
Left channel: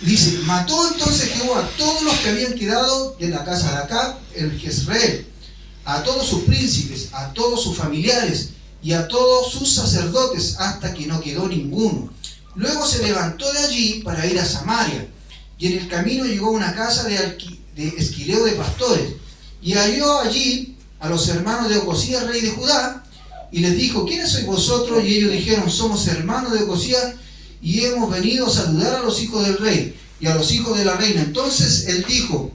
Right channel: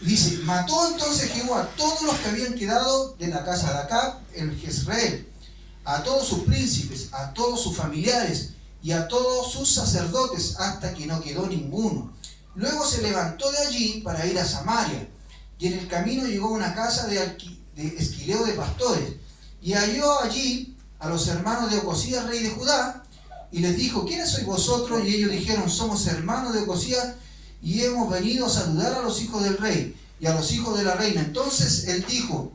Dice, mató entonces Jehú a todos los que habían quedado de la casa de Acab en Jezreel, a todos sus príncipes, a todos sus familiares y a todos sus sacerdotes, hasta que no quedó ninguno. Luego se levantó de allí para ir a Samaria, y en el camino llegó a una casa de esquileo de pastores, y halló allí a los hermanos de Ocosías, rey de Judá, y les dijo, ¿quiénes sois vosotros? Y ellos dijeron, somos hermanos de Ocosías, y hemos venido a saludar a los hijos del rey y a los hijos de la reina. Entonces él dijo,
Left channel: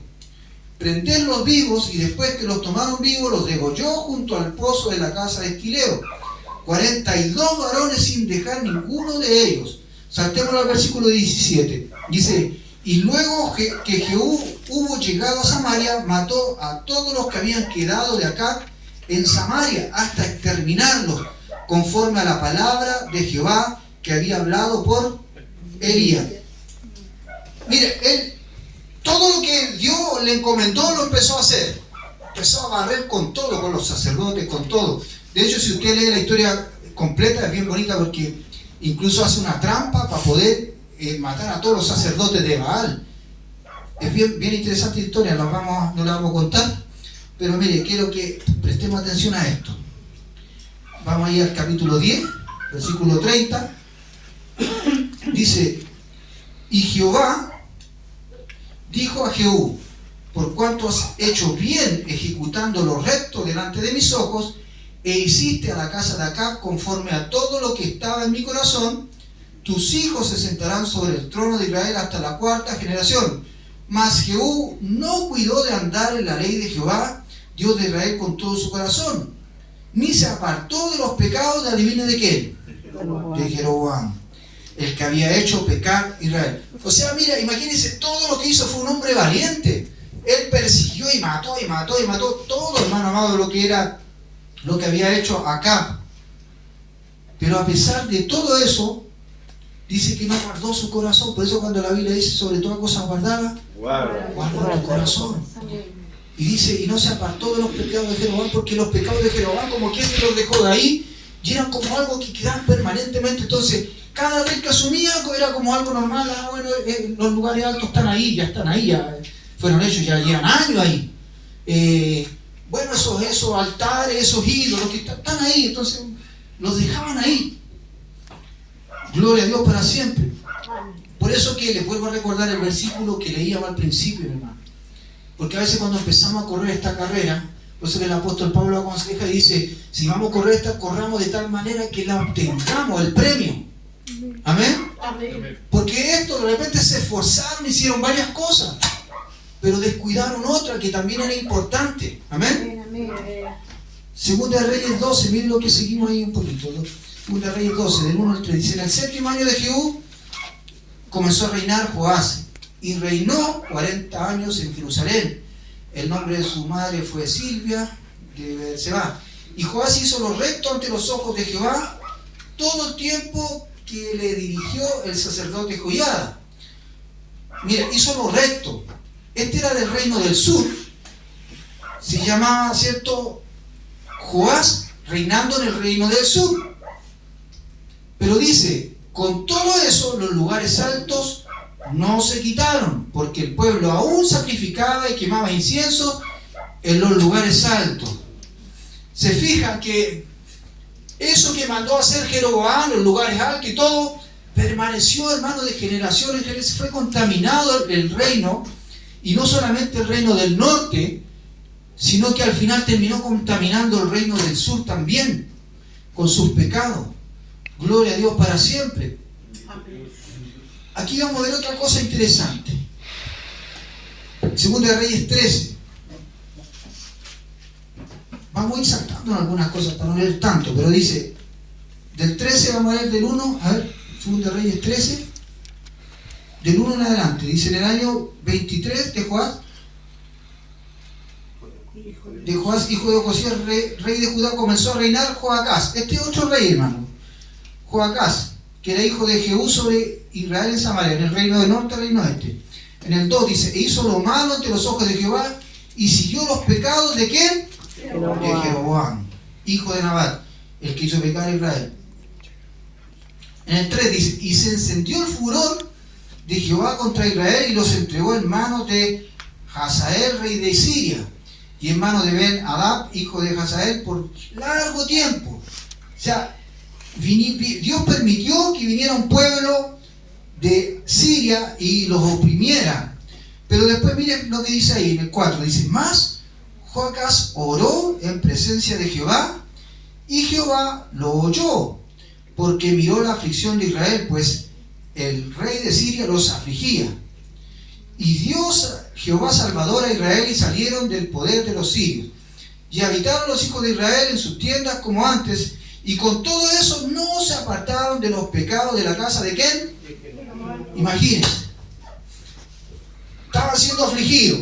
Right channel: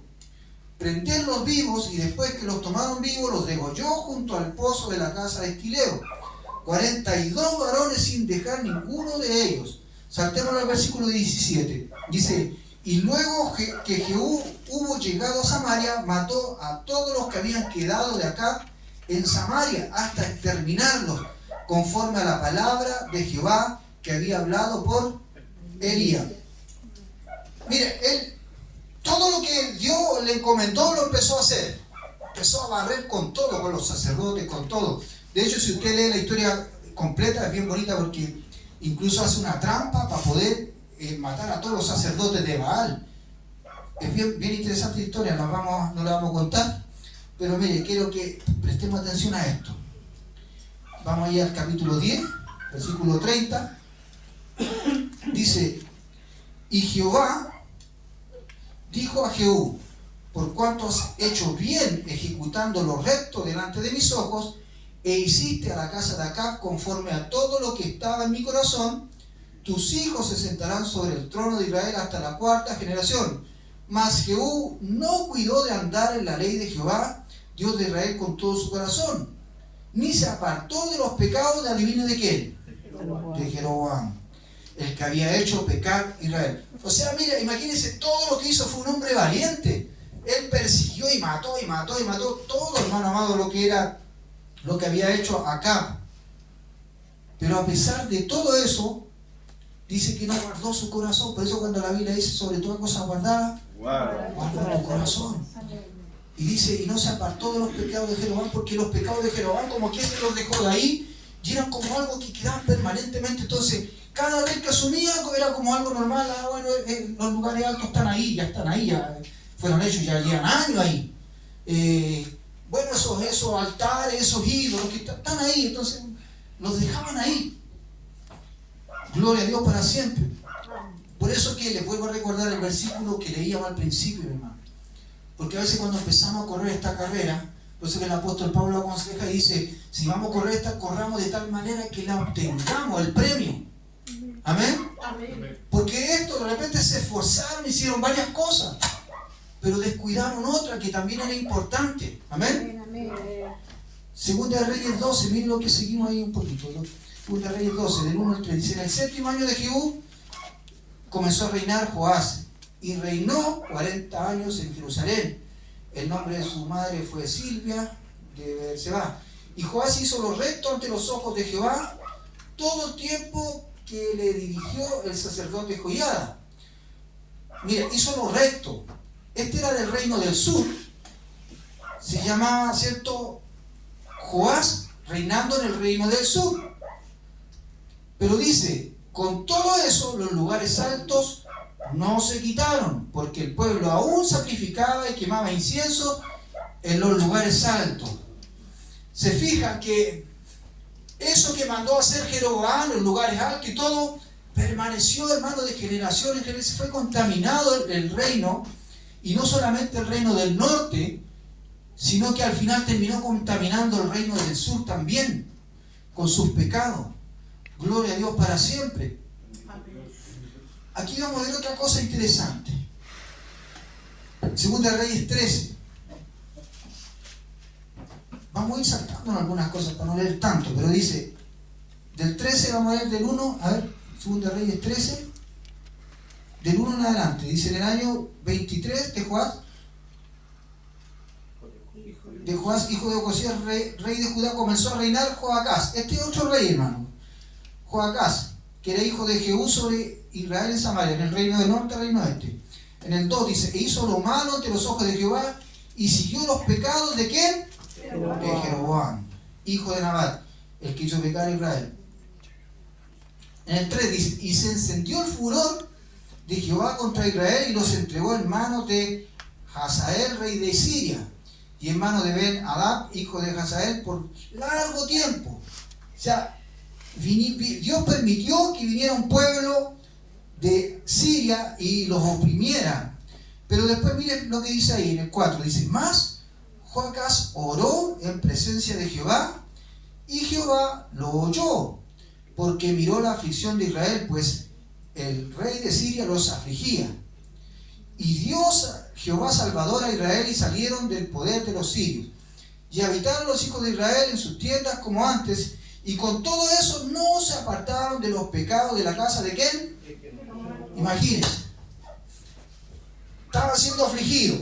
prendedlos vivos, y después que los tomaron vivos, los degolló junto al pozo de la casa de esquileo. 42 varones sin dejar ninguno de ellos. Saltemos al versículo 17. Dice, y luego que Jehú hubo llegado a Samaria, mató a todos los que habían quedado de acá en Samaria, hasta exterminarlos, conforme a la palabra de Jehová que había hablado por Elías. Mire, él, todo lo que Dios le encomendó lo empezó a hacer. Empezó a barrer con todo, con los sacerdotes, con todo. De hecho, si usted lee la historia completa, es bien bonita porque incluso hace una trampa para poder matar a todos los sacerdotes de Baal. Es bien interesante la historia, no la vamos a contar, pero mire, quiero que prestemos atención a esto. Vamos a ir al capítulo 10, versículo 30. Dice, y Jehová dijo a Jehú, por cuanto has hecho bien ejecutando lo recto delante de mis ojos, e hiciste a la casa de Acab conforme a todo lo que estaba en mi corazón, tus hijos se sentarán sobre el trono de Israel hasta la 4ª generación. Mas Jehú no cuidó de andar en la ley de Jehová, Dios de Israel, con todo su corazón, ni se apartó de los pecados de, adivine de quién, de Jeroboam, el que había hecho pecar Israel. O sea, mira, imagínense, todo lo que hizo fue un hombre valiente. Él persiguió y mató todo, hermano amado, lo que había hecho acá. Pero a pesar de todo eso, dice que no guardó su corazón. Por eso cuando la Biblia dice sobre toda cosa guardada, guarda tu corazón. Y dice, y no se apartó de los pecados de Jeroboam, porque los pecados de Jeroboam, como quien los dejó de ahí, y eran como algo que quedaban permanentemente. Entonces, cada vez que asumía era como algo normal. Bueno, los lugares altos están ahí, ya fueron hechos, ya llevan años ahí. Bueno, esos altares, esos ídolos que están ahí, entonces los dejaban ahí. Gloria a Dios para siempre. Por eso que les vuelvo a recordar el versículo que leíamos al principio, hermano. Porque a veces cuando empezamos a correr esta carrera, por eso que el apóstol Pablo aconseja y dice, si vamos a correr esta, corramos de tal manera que la obtengamos, el premio. ¿Amén? Porque esto de repente se esforzaron, hicieron varias cosas, pero descuidaron otra que también era importante. ¿Amén? Segunda de Reyes 12, miren lo que seguimos ahí un poquito. Segunda de Reyes 12, del 1 al 3. Dice, en el 7º año de Jehú comenzó a reinar Joás, y reinó 40 años en Jerusalén. El nombre de su madre fue Silvia de Beerseba. Y Joás hizo lo recto ante los ojos de Jehová todo el tiempo que le dirigió el sacerdote Joiada. Mira, hizo lo recto. Este era del reino del sur. Se llamaba, ¿cierto?, Joás, reinando en el reino del sur. Pero dice, con todo eso, los lugares altos no se quitaron, porque el pueblo aún sacrificaba y quemaba incienso en los lugares altos. Se fijan que eso que mandó a hacer Jeroboam, los lugares altos y todo, permaneció, hermano, de generación en generación. Fue contaminado el reino, y no solamente el reino del norte, sino que al final terminó contaminando el reino del sur también, con sus pecados. Gloria a Dios para siempre. Aquí vamos a ver otra cosa interesante. Segunda de Reyes 13. Vamos a ir saltando en algunas cosas para no leer tanto, pero dice, del 13 vamos a leer del 1, a ver, Segunda de Reyes 13, del 1 en adelante. Dice, en el año 23 de Joás, hijo de Ocosías, rey de Judá, comenzó a reinar Joacás. Este es otro rey, hermano. Joacás, que era hijo de Jehú sobre Israel en Samaria, en el reino de norte, reino este. En el 2 dice, e hizo lo malo ante los ojos de Jehová y siguió los pecados ¿de quién? De Jeroboam, hijo de Nabat, el que hizo pecar a Israel. En el 3 dice, y se encendió el furor de Jehová contra Israel y los entregó en manos de Hazael, rey de Siria, y en manos de Ben-Hadad, hijo de Hazael, por largo tiempo. O sea, Dios permitió que viniera un pueblo de Siria y los oprimiera. Pero después miren lo que dice ahí en el 4, dice, más Joacás oró en presencia de Jehová y Jehová lo oyó, porque miró la aflicción de Israel, pues el rey de Siria los afligía. Y Dios, Jehová salvador a Israel, y salieron del poder de los sirios. Y habitaron los hijos de Israel en sus tiendas como antes, y con todo eso no se apartaron de los pecados de la casa de ¿quién? Imagínense. Estaba siendo afligido.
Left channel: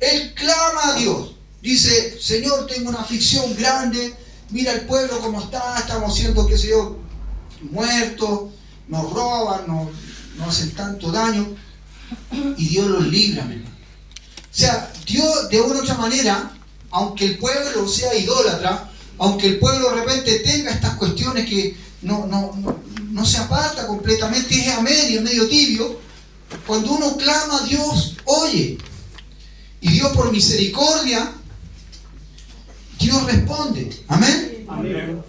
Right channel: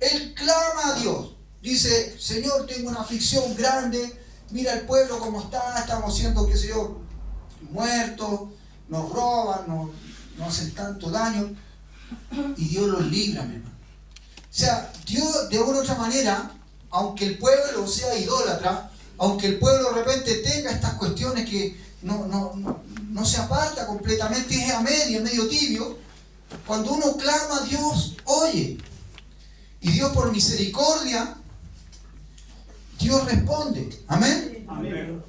Él clama a Dios. Dice, Señor, tengo una aflicción grande. Mira el pueblo como está. Estamos siendo, qué sé yo, muertos. Nos roban, nos hacen tanto daño. Y Dios los libra, mi hermano. O sea, Dios de una u otra manera, aunque el pueblo sea idólatra, aunque el pueblo de repente tenga estas cuestiones que no se aparta completamente, es a medio, medio tibio, cuando uno clama a Dios, oye. Y Dios por misericordia, Dios responde. ¿Amén? Amén.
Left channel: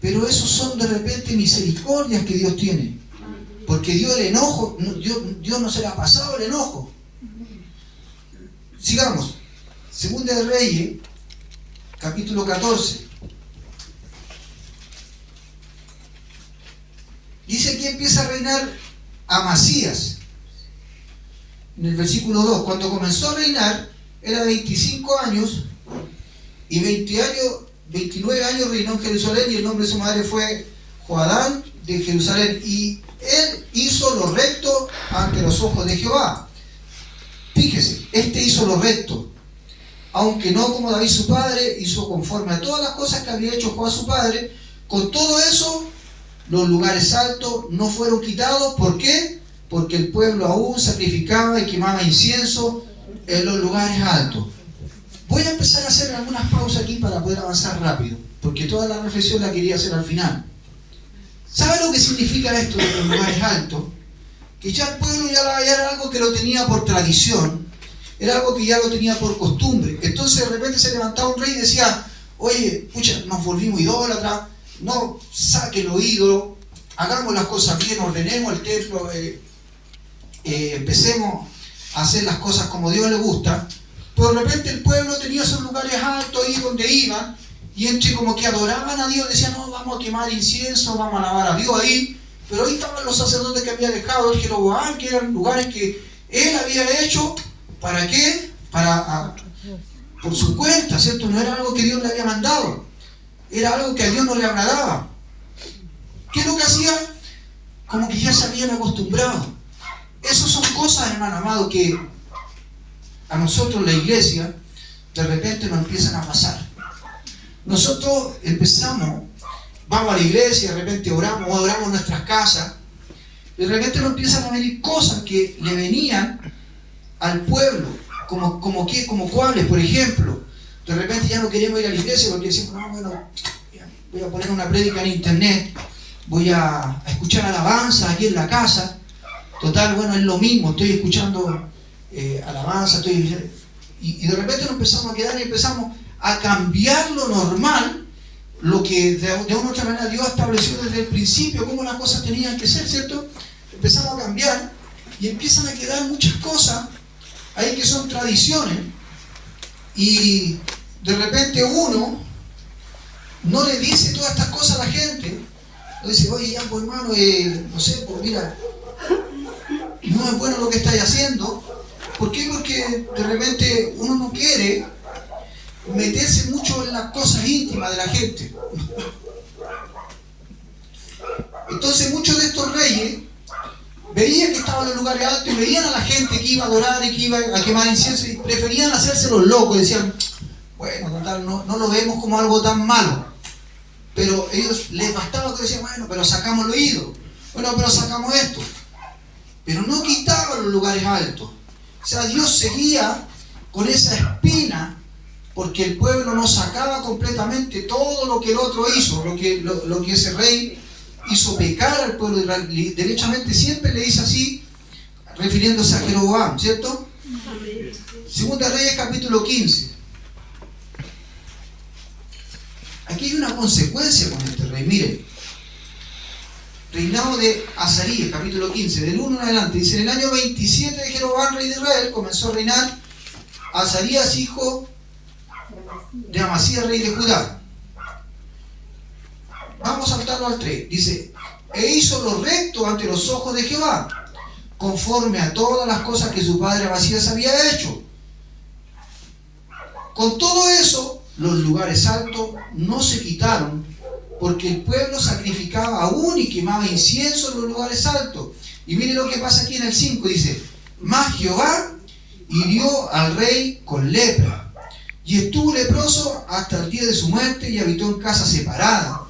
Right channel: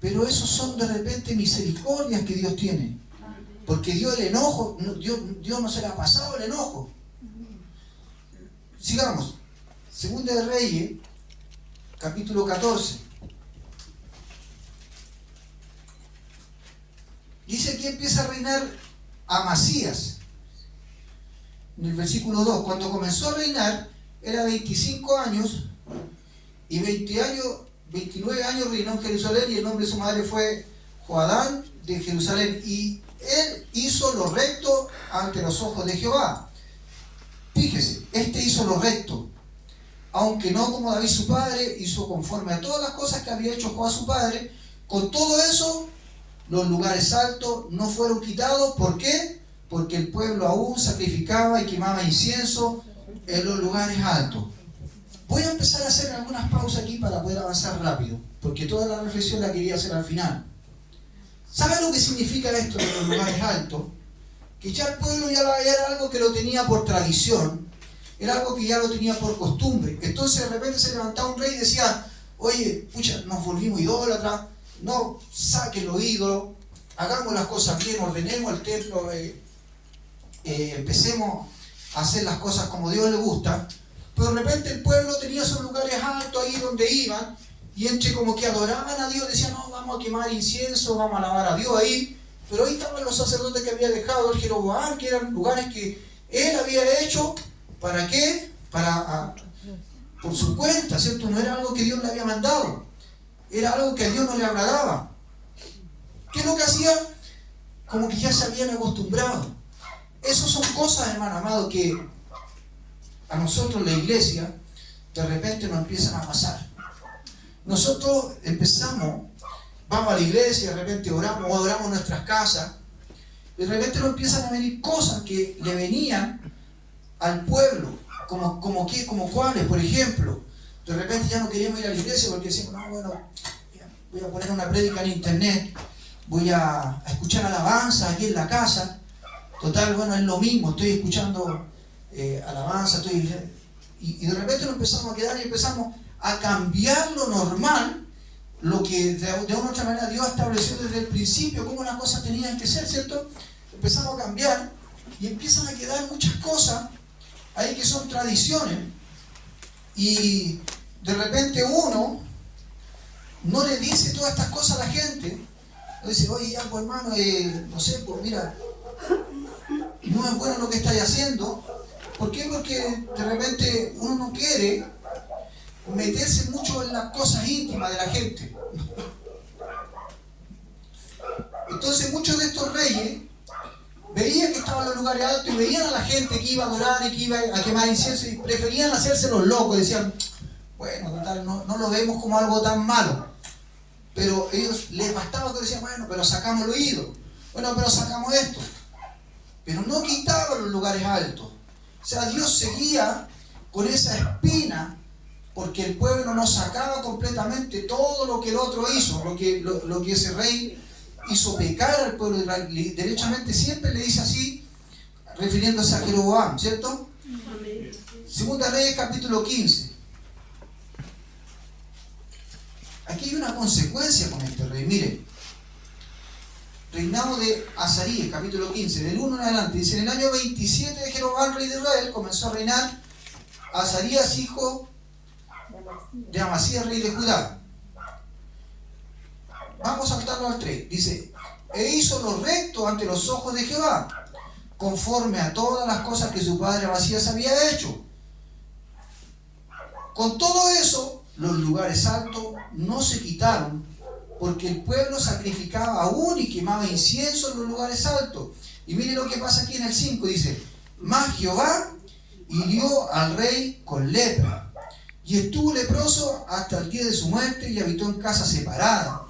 Pero esos son de repente misericordias que Dios tiene. Porque Dios el enojo, Dios no se le ha pasado el enojo. Sigamos. Segunda de Reyes, capítulo 14. Dice que empieza a reinar Amasías. En el versículo 2, cuando comenzó a reinar, era 25 años y 29 años reinó en Jerusalén, y el nombre de su madre fue Joadán de Jerusalén, y él hizo lo recto ante los ojos de Jehová. Fíjese, hizo lo recto, aunque no como David su padre, hizo conforme a todas las cosas que había hecho Joab su padre. Con todo eso, los lugares altos no fueron quitados. ¿Por qué? Porque el pueblo aún sacrificaba y quemaba incienso en los lugares altos. Voy a empezar a hacer algunas pausas aquí para poder avanzar rápido, porque toda la reflexión la quería hacer al final. ¿Sabe lo que significa esto de los lugares altos? Que ya el pueblo ya era algo que lo tenía por tradición, era algo que ya lo tenía por costumbre. Entonces de repente se levantaba un rey y decía, oye, pucha, nos volvimos idólatras, no saquen los ídolos, hagamos las cosas bien, ordenemos el templo, empecemos a hacer las cosas como Dios le gusta. Pero de repente el pueblo tenía esos lugares altos ahí donde iban, y entre como que adoraban a Dios, decían, no, vamos a quemar incienso, vamos a alabar a Dios ahí. Pero ahí estaban los sacerdotes que había dejado el Jeroboam, que eran lugares que él había hecho. ¿Para qué? Por su cuenta, ¿cierto? No era algo que Dios le había mandado. Era algo que a Dios no le agradaba. ¿Qué es lo que hacía? Como que ya se habían acostumbrado. Esas son cosas, hermano amado, que a nosotros, la iglesia, de repente nos empiezan a pasar. Nosotros empezamos, vamos a la iglesia, de repente oramos en nuestras casas, y de repente nos empiezan a venir cosas que le venían al pueblo, como cuáles, por ejemplo. De repente ya no queremos ir a la iglesia porque decimos, no, bueno, voy a poner una prédica en internet, voy a escuchar alabanza aquí en la casa. Total, bueno, es lo mismo, estoy escuchando alabanza, y de repente nos empezamos a quedar y empezamos a cambiar lo normal, lo que de una u otra manera Dios estableció desde el principio, cómo las cosas tenían que ser, ¿cierto? Empezamos a cambiar y empiezan a quedar muchas cosas ahí que son tradiciones, y de repente uno no le dice todas estas cosas a la gente. Le dice, oye, ya, pues hermano, no sé, pues mira, no es bueno lo que estáis haciendo. ¿Por qué? Porque de repente uno no quiere meterse mucho en las cosas íntimas de la gente. Entonces muchos de estos reyes veían que estaban en los lugares altos y veían a la gente que iba a adorar y que iba a quemar incienso, y preferían hacerse los locos. Decían, bueno, total, no lo vemos como algo tan malo. Pero ellos les bastaba que decían, bueno, pero sacamos los ídolos, bueno, pero sacamos esto. pero no quitaba los lugares altos. O sea, Dios seguía con esa espina, porque el pueblo no sacaba completamente todo lo que el otro hizo, lo que ese rey hizo pecar al pueblo de Israel. Derechamente siempre le dice así, refiriéndose a Jeroboam, ¿cierto? Amén. Segunda Reyes capítulo 15. Aquí hay una consecuencia con este rey. Miren, reinado de Azarías, capítulo 15, del 1 en adelante. Dice, en el año 27 de Jeroboam, rey de Israel, comenzó a reinar Azarías, hijo de Amasías, rey de Judá. Vamos a saltarlo al 3. Dice, e hizo lo recto ante los ojos de Jehová, conforme a todas las cosas que su padre Amasías había hecho. Con todo eso, los lugares altos no se quitaron, porque el pueblo sacrificaba aún y quemaba incienso en los lugares altos. Y mire lo que pasa aquí en el 5, dice, mas Jehová hirió al rey con lepra, y estuvo leproso hasta el día de su muerte, y habitó en casa separada.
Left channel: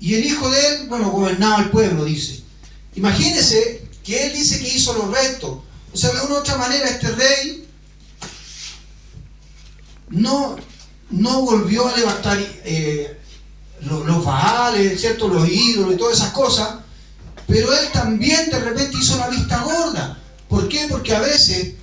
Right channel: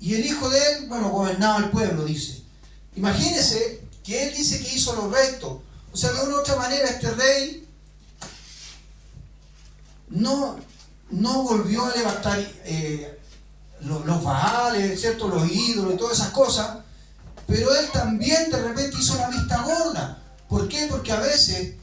Y el hijo de él, gobernaba el pueblo, dice. Imagínense que él dice que hizo lo recto. O sea, de una u otra manera, este rey no volvió a levantar los baales, ¿cierto? Los ídolos y todas esas cosas, pero él también de repente hizo la vista gorda. ¿Por qué? Porque a veces,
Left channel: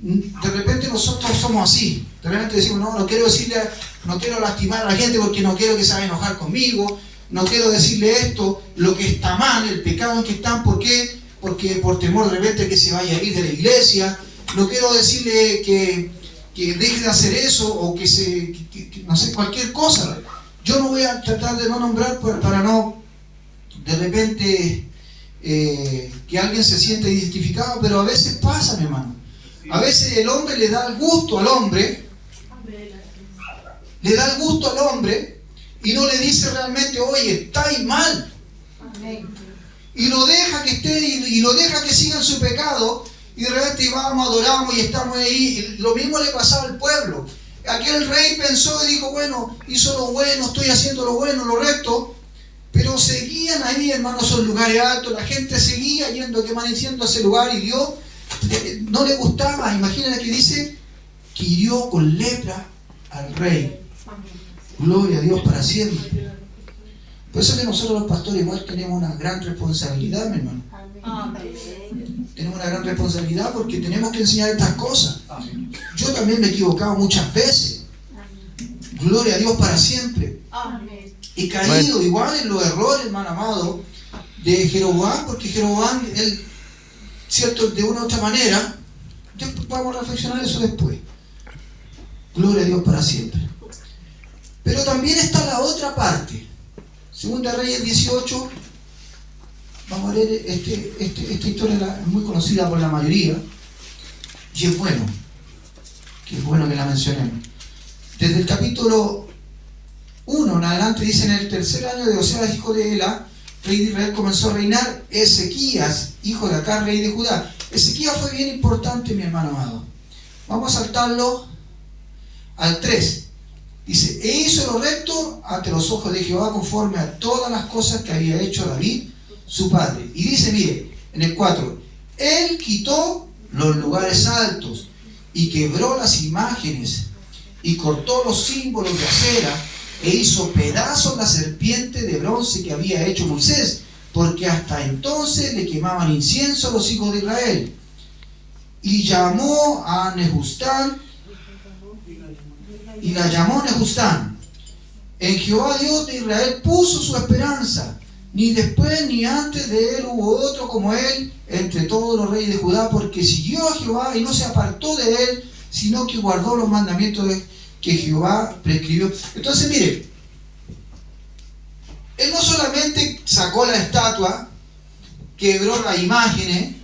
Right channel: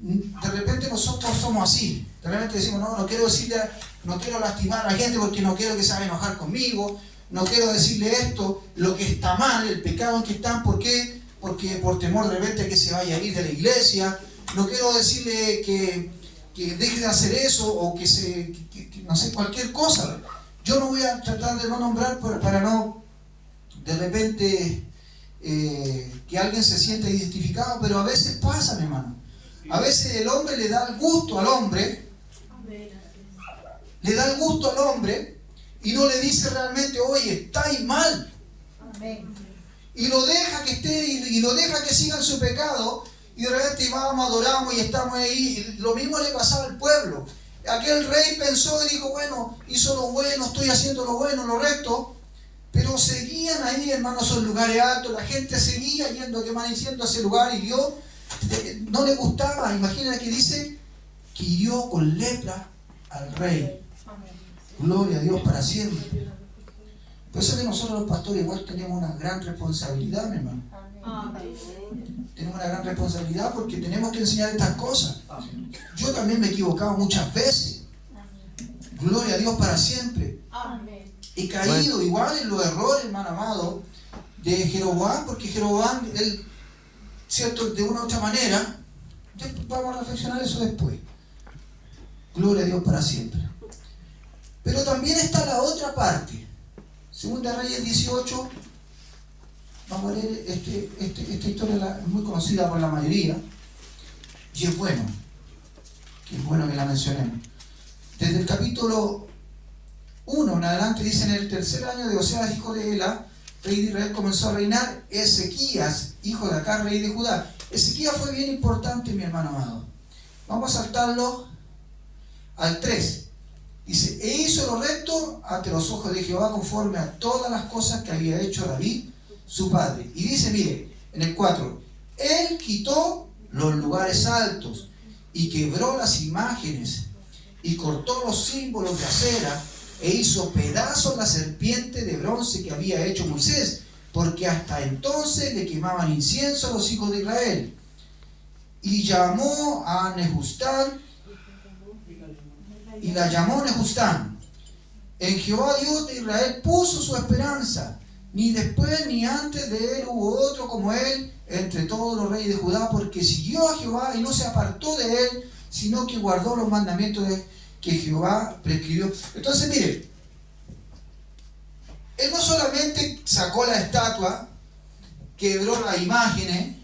de repente nosotros somos así. De repente decimos, no quiero lastimar a la gente porque no quiero que se vaya a enojar conmigo, no quiero decirle esto, lo que está mal, el pecado en que están. ¿Por qué? Porque por temor de repente que se vaya a ir de la iglesia. No quiero decirle que deje de hacer eso, o que no sé, cualquier cosa. Yo no voy a tratar de no nombrar para no de repente que alguien se sienta identificado, pero a veces pasa, mi hermano. A veces el hombre le da el gusto al hombre, y no le dice realmente, oye, estáis mal. Y lo deja que esté, y lo deja que siga en su pecado, y de repente vamos, adoramos y estamos ahí. Y lo mismo le pasaba al pueblo. Aquel rey pensó y dijo, bueno, hizo lo bueno, estoy haciendo lo bueno, lo recto, pero seguían ahí, hermanos, esos lugares altos. La gente seguía yendo, diciendo a ese lugar, y Dios no le gustaba. Imagínate que dice que hirió con lepra al rey. Gloria a Dios para siempre. Por eso que nosotros los pastores igual tenemos una gran responsabilidad, mi hermano. Tenemos una gran responsabilidad porque tenemos que enseñar estas cosas. Yo también me he equivocado muchas veces. Gloria a Dios para siempre. He caído igual en los errores, hermano amado, de Jeroboam, porque Jeroboam, él, cierto, de una u otra manera, vamos a reflexionar eso después. Gloria a Dios para siempre. Pero también está la otra parte. Segunda Reyes 18. Vamos a leer esta historia, es muy conocida por la mayoría, y es bueno que la mencionemos. Desde el capítulo 1 en adelante dice, en el tercer año de Oseas, hijo de Ela, rey de Israel, comenzó a reinar Ezequías, hijo de Acaz, rey de Judá. Ezequías fue bien importante, mi hermano amado. Vamos a saltarlo al 3. Dice, e hizo lo recto ante los ojos de Jehová, conforme a todas las cosas que había hecho David, su padre. Y dice, mire, en el 4, él quitó los lugares altos y quebró las imágenes y cortó los símbolos de acera e hizo pedazos la serpiente de bronce que había hecho Moisés, porque hasta entonces le quemaban incienso a los hijos de Israel. Y llamó a Nehustán, y la llamó Nehustán. En Jehová Dios de Israel puso su esperanza. Ni después ni antes de él hubo otro como él entre todos los reyes de Judá, porque siguió a Jehová y no se apartó de él, sino que guardó los mandamientos que Jehová prescribió. Entonces, mire, él no solamente sacó la estatua, quebró las imágenes,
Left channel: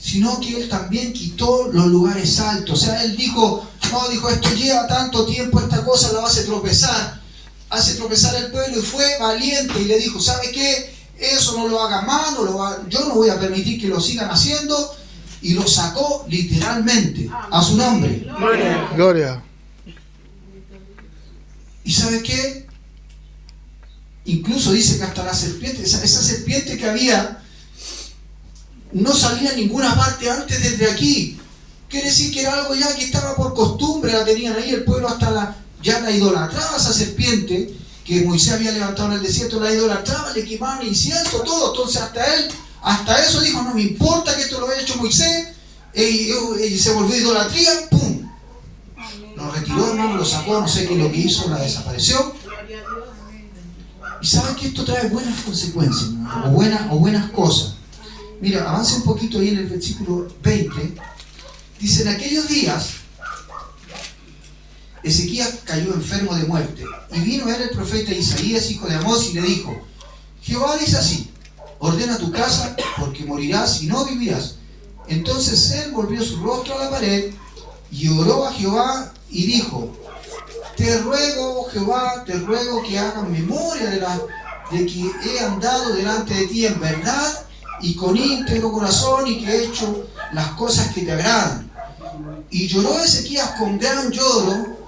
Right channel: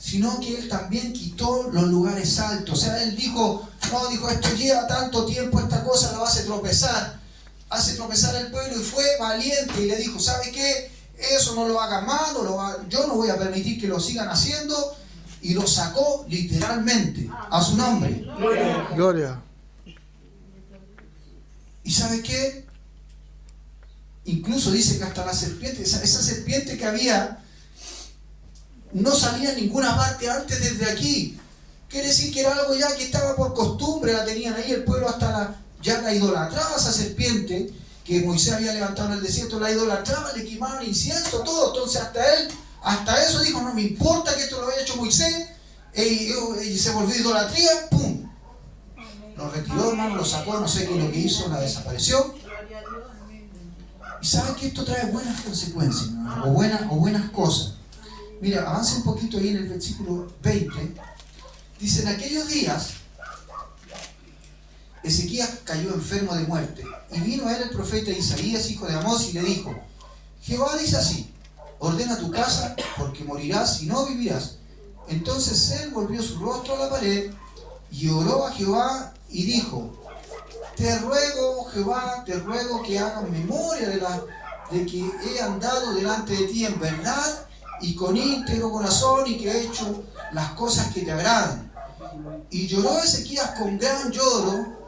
sino que él también quitó los lugares altos. O sea, él dijo, esto lleva tanto tiempo, esta cosa la hace tropezar al pueblo, y fue valiente y le dijo, ¿sabe qué? Eso no lo haga más, yo no voy a permitir que lo sigan haciendo, y lo sacó literalmente a su nombre. Gloria. ¿Y sabe qué? Incluso dice que hasta la serpiente, esa serpiente que había, no salía a ninguna parte antes desde aquí. Quiere decir que era algo ya que estaba por costumbre, la tenían ahí el pueblo ya la idolatraba esa serpiente que Moisés había levantado en el desierto, la idolatraba, le quemaban incienso, todo. Entonces hasta eso dijo, no me importa que esto lo haya hecho Moisés, y se volvió idolatría, ¡pum! Lo retiró, hermano, lo sacó, no sé qué es lo que hizo, la desapareció. Y saben que esto trae buenas consecuencias, hermano, o buenas cosas. Mira, avance un poquito ahí en el versículo 20. Dice, en aquellos días, Ezequías cayó enfermo de muerte, y vino a él el profeta Isaías, hijo de Amós, y le dijo, Jehová dice así, ordena tu casa, porque morirás y no vivirás. Entonces él volvió su rostro a la pared, y oró a Jehová, y dijo, te ruego, Jehová, te ruego que hagas memoria de que he andado delante de ti en verdad, y con íntegro corazón, y que he hecho las cosas que te agradan. Y lloró Ezequías con gran lloro,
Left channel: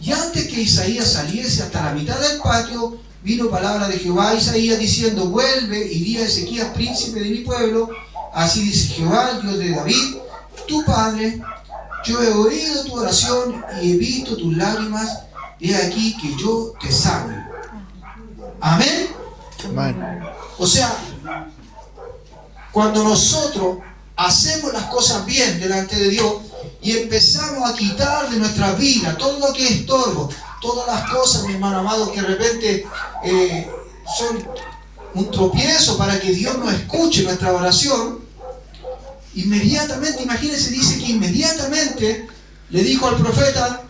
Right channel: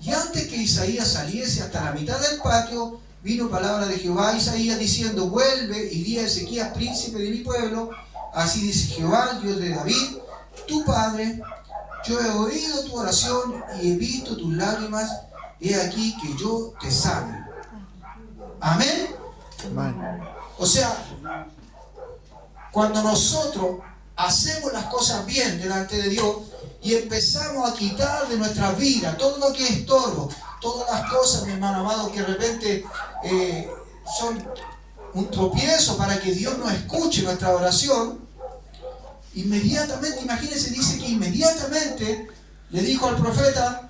y antes que Isaías saliese hasta la mitad del patio, vino palabra de Jehová a Isaías diciendo, vuelve y di a Ezequías, príncipe de mi pueblo, así dice Jehová, el Dios de David, tu padre, yo he oído tu oración y he visto tus lágrimas, he aquí que yo te sano. Amén. O sea, cuando nosotros hacemos las cosas bien delante de Dios y empezamos a quitar de nuestra vida todo lo que es estorbo, todas las cosas, mi hermano amado, que de repente son un tropiezo para que Dios nos escuche nuestra oración, inmediatamente, imagínense, dice que inmediatamente le dijo al profeta,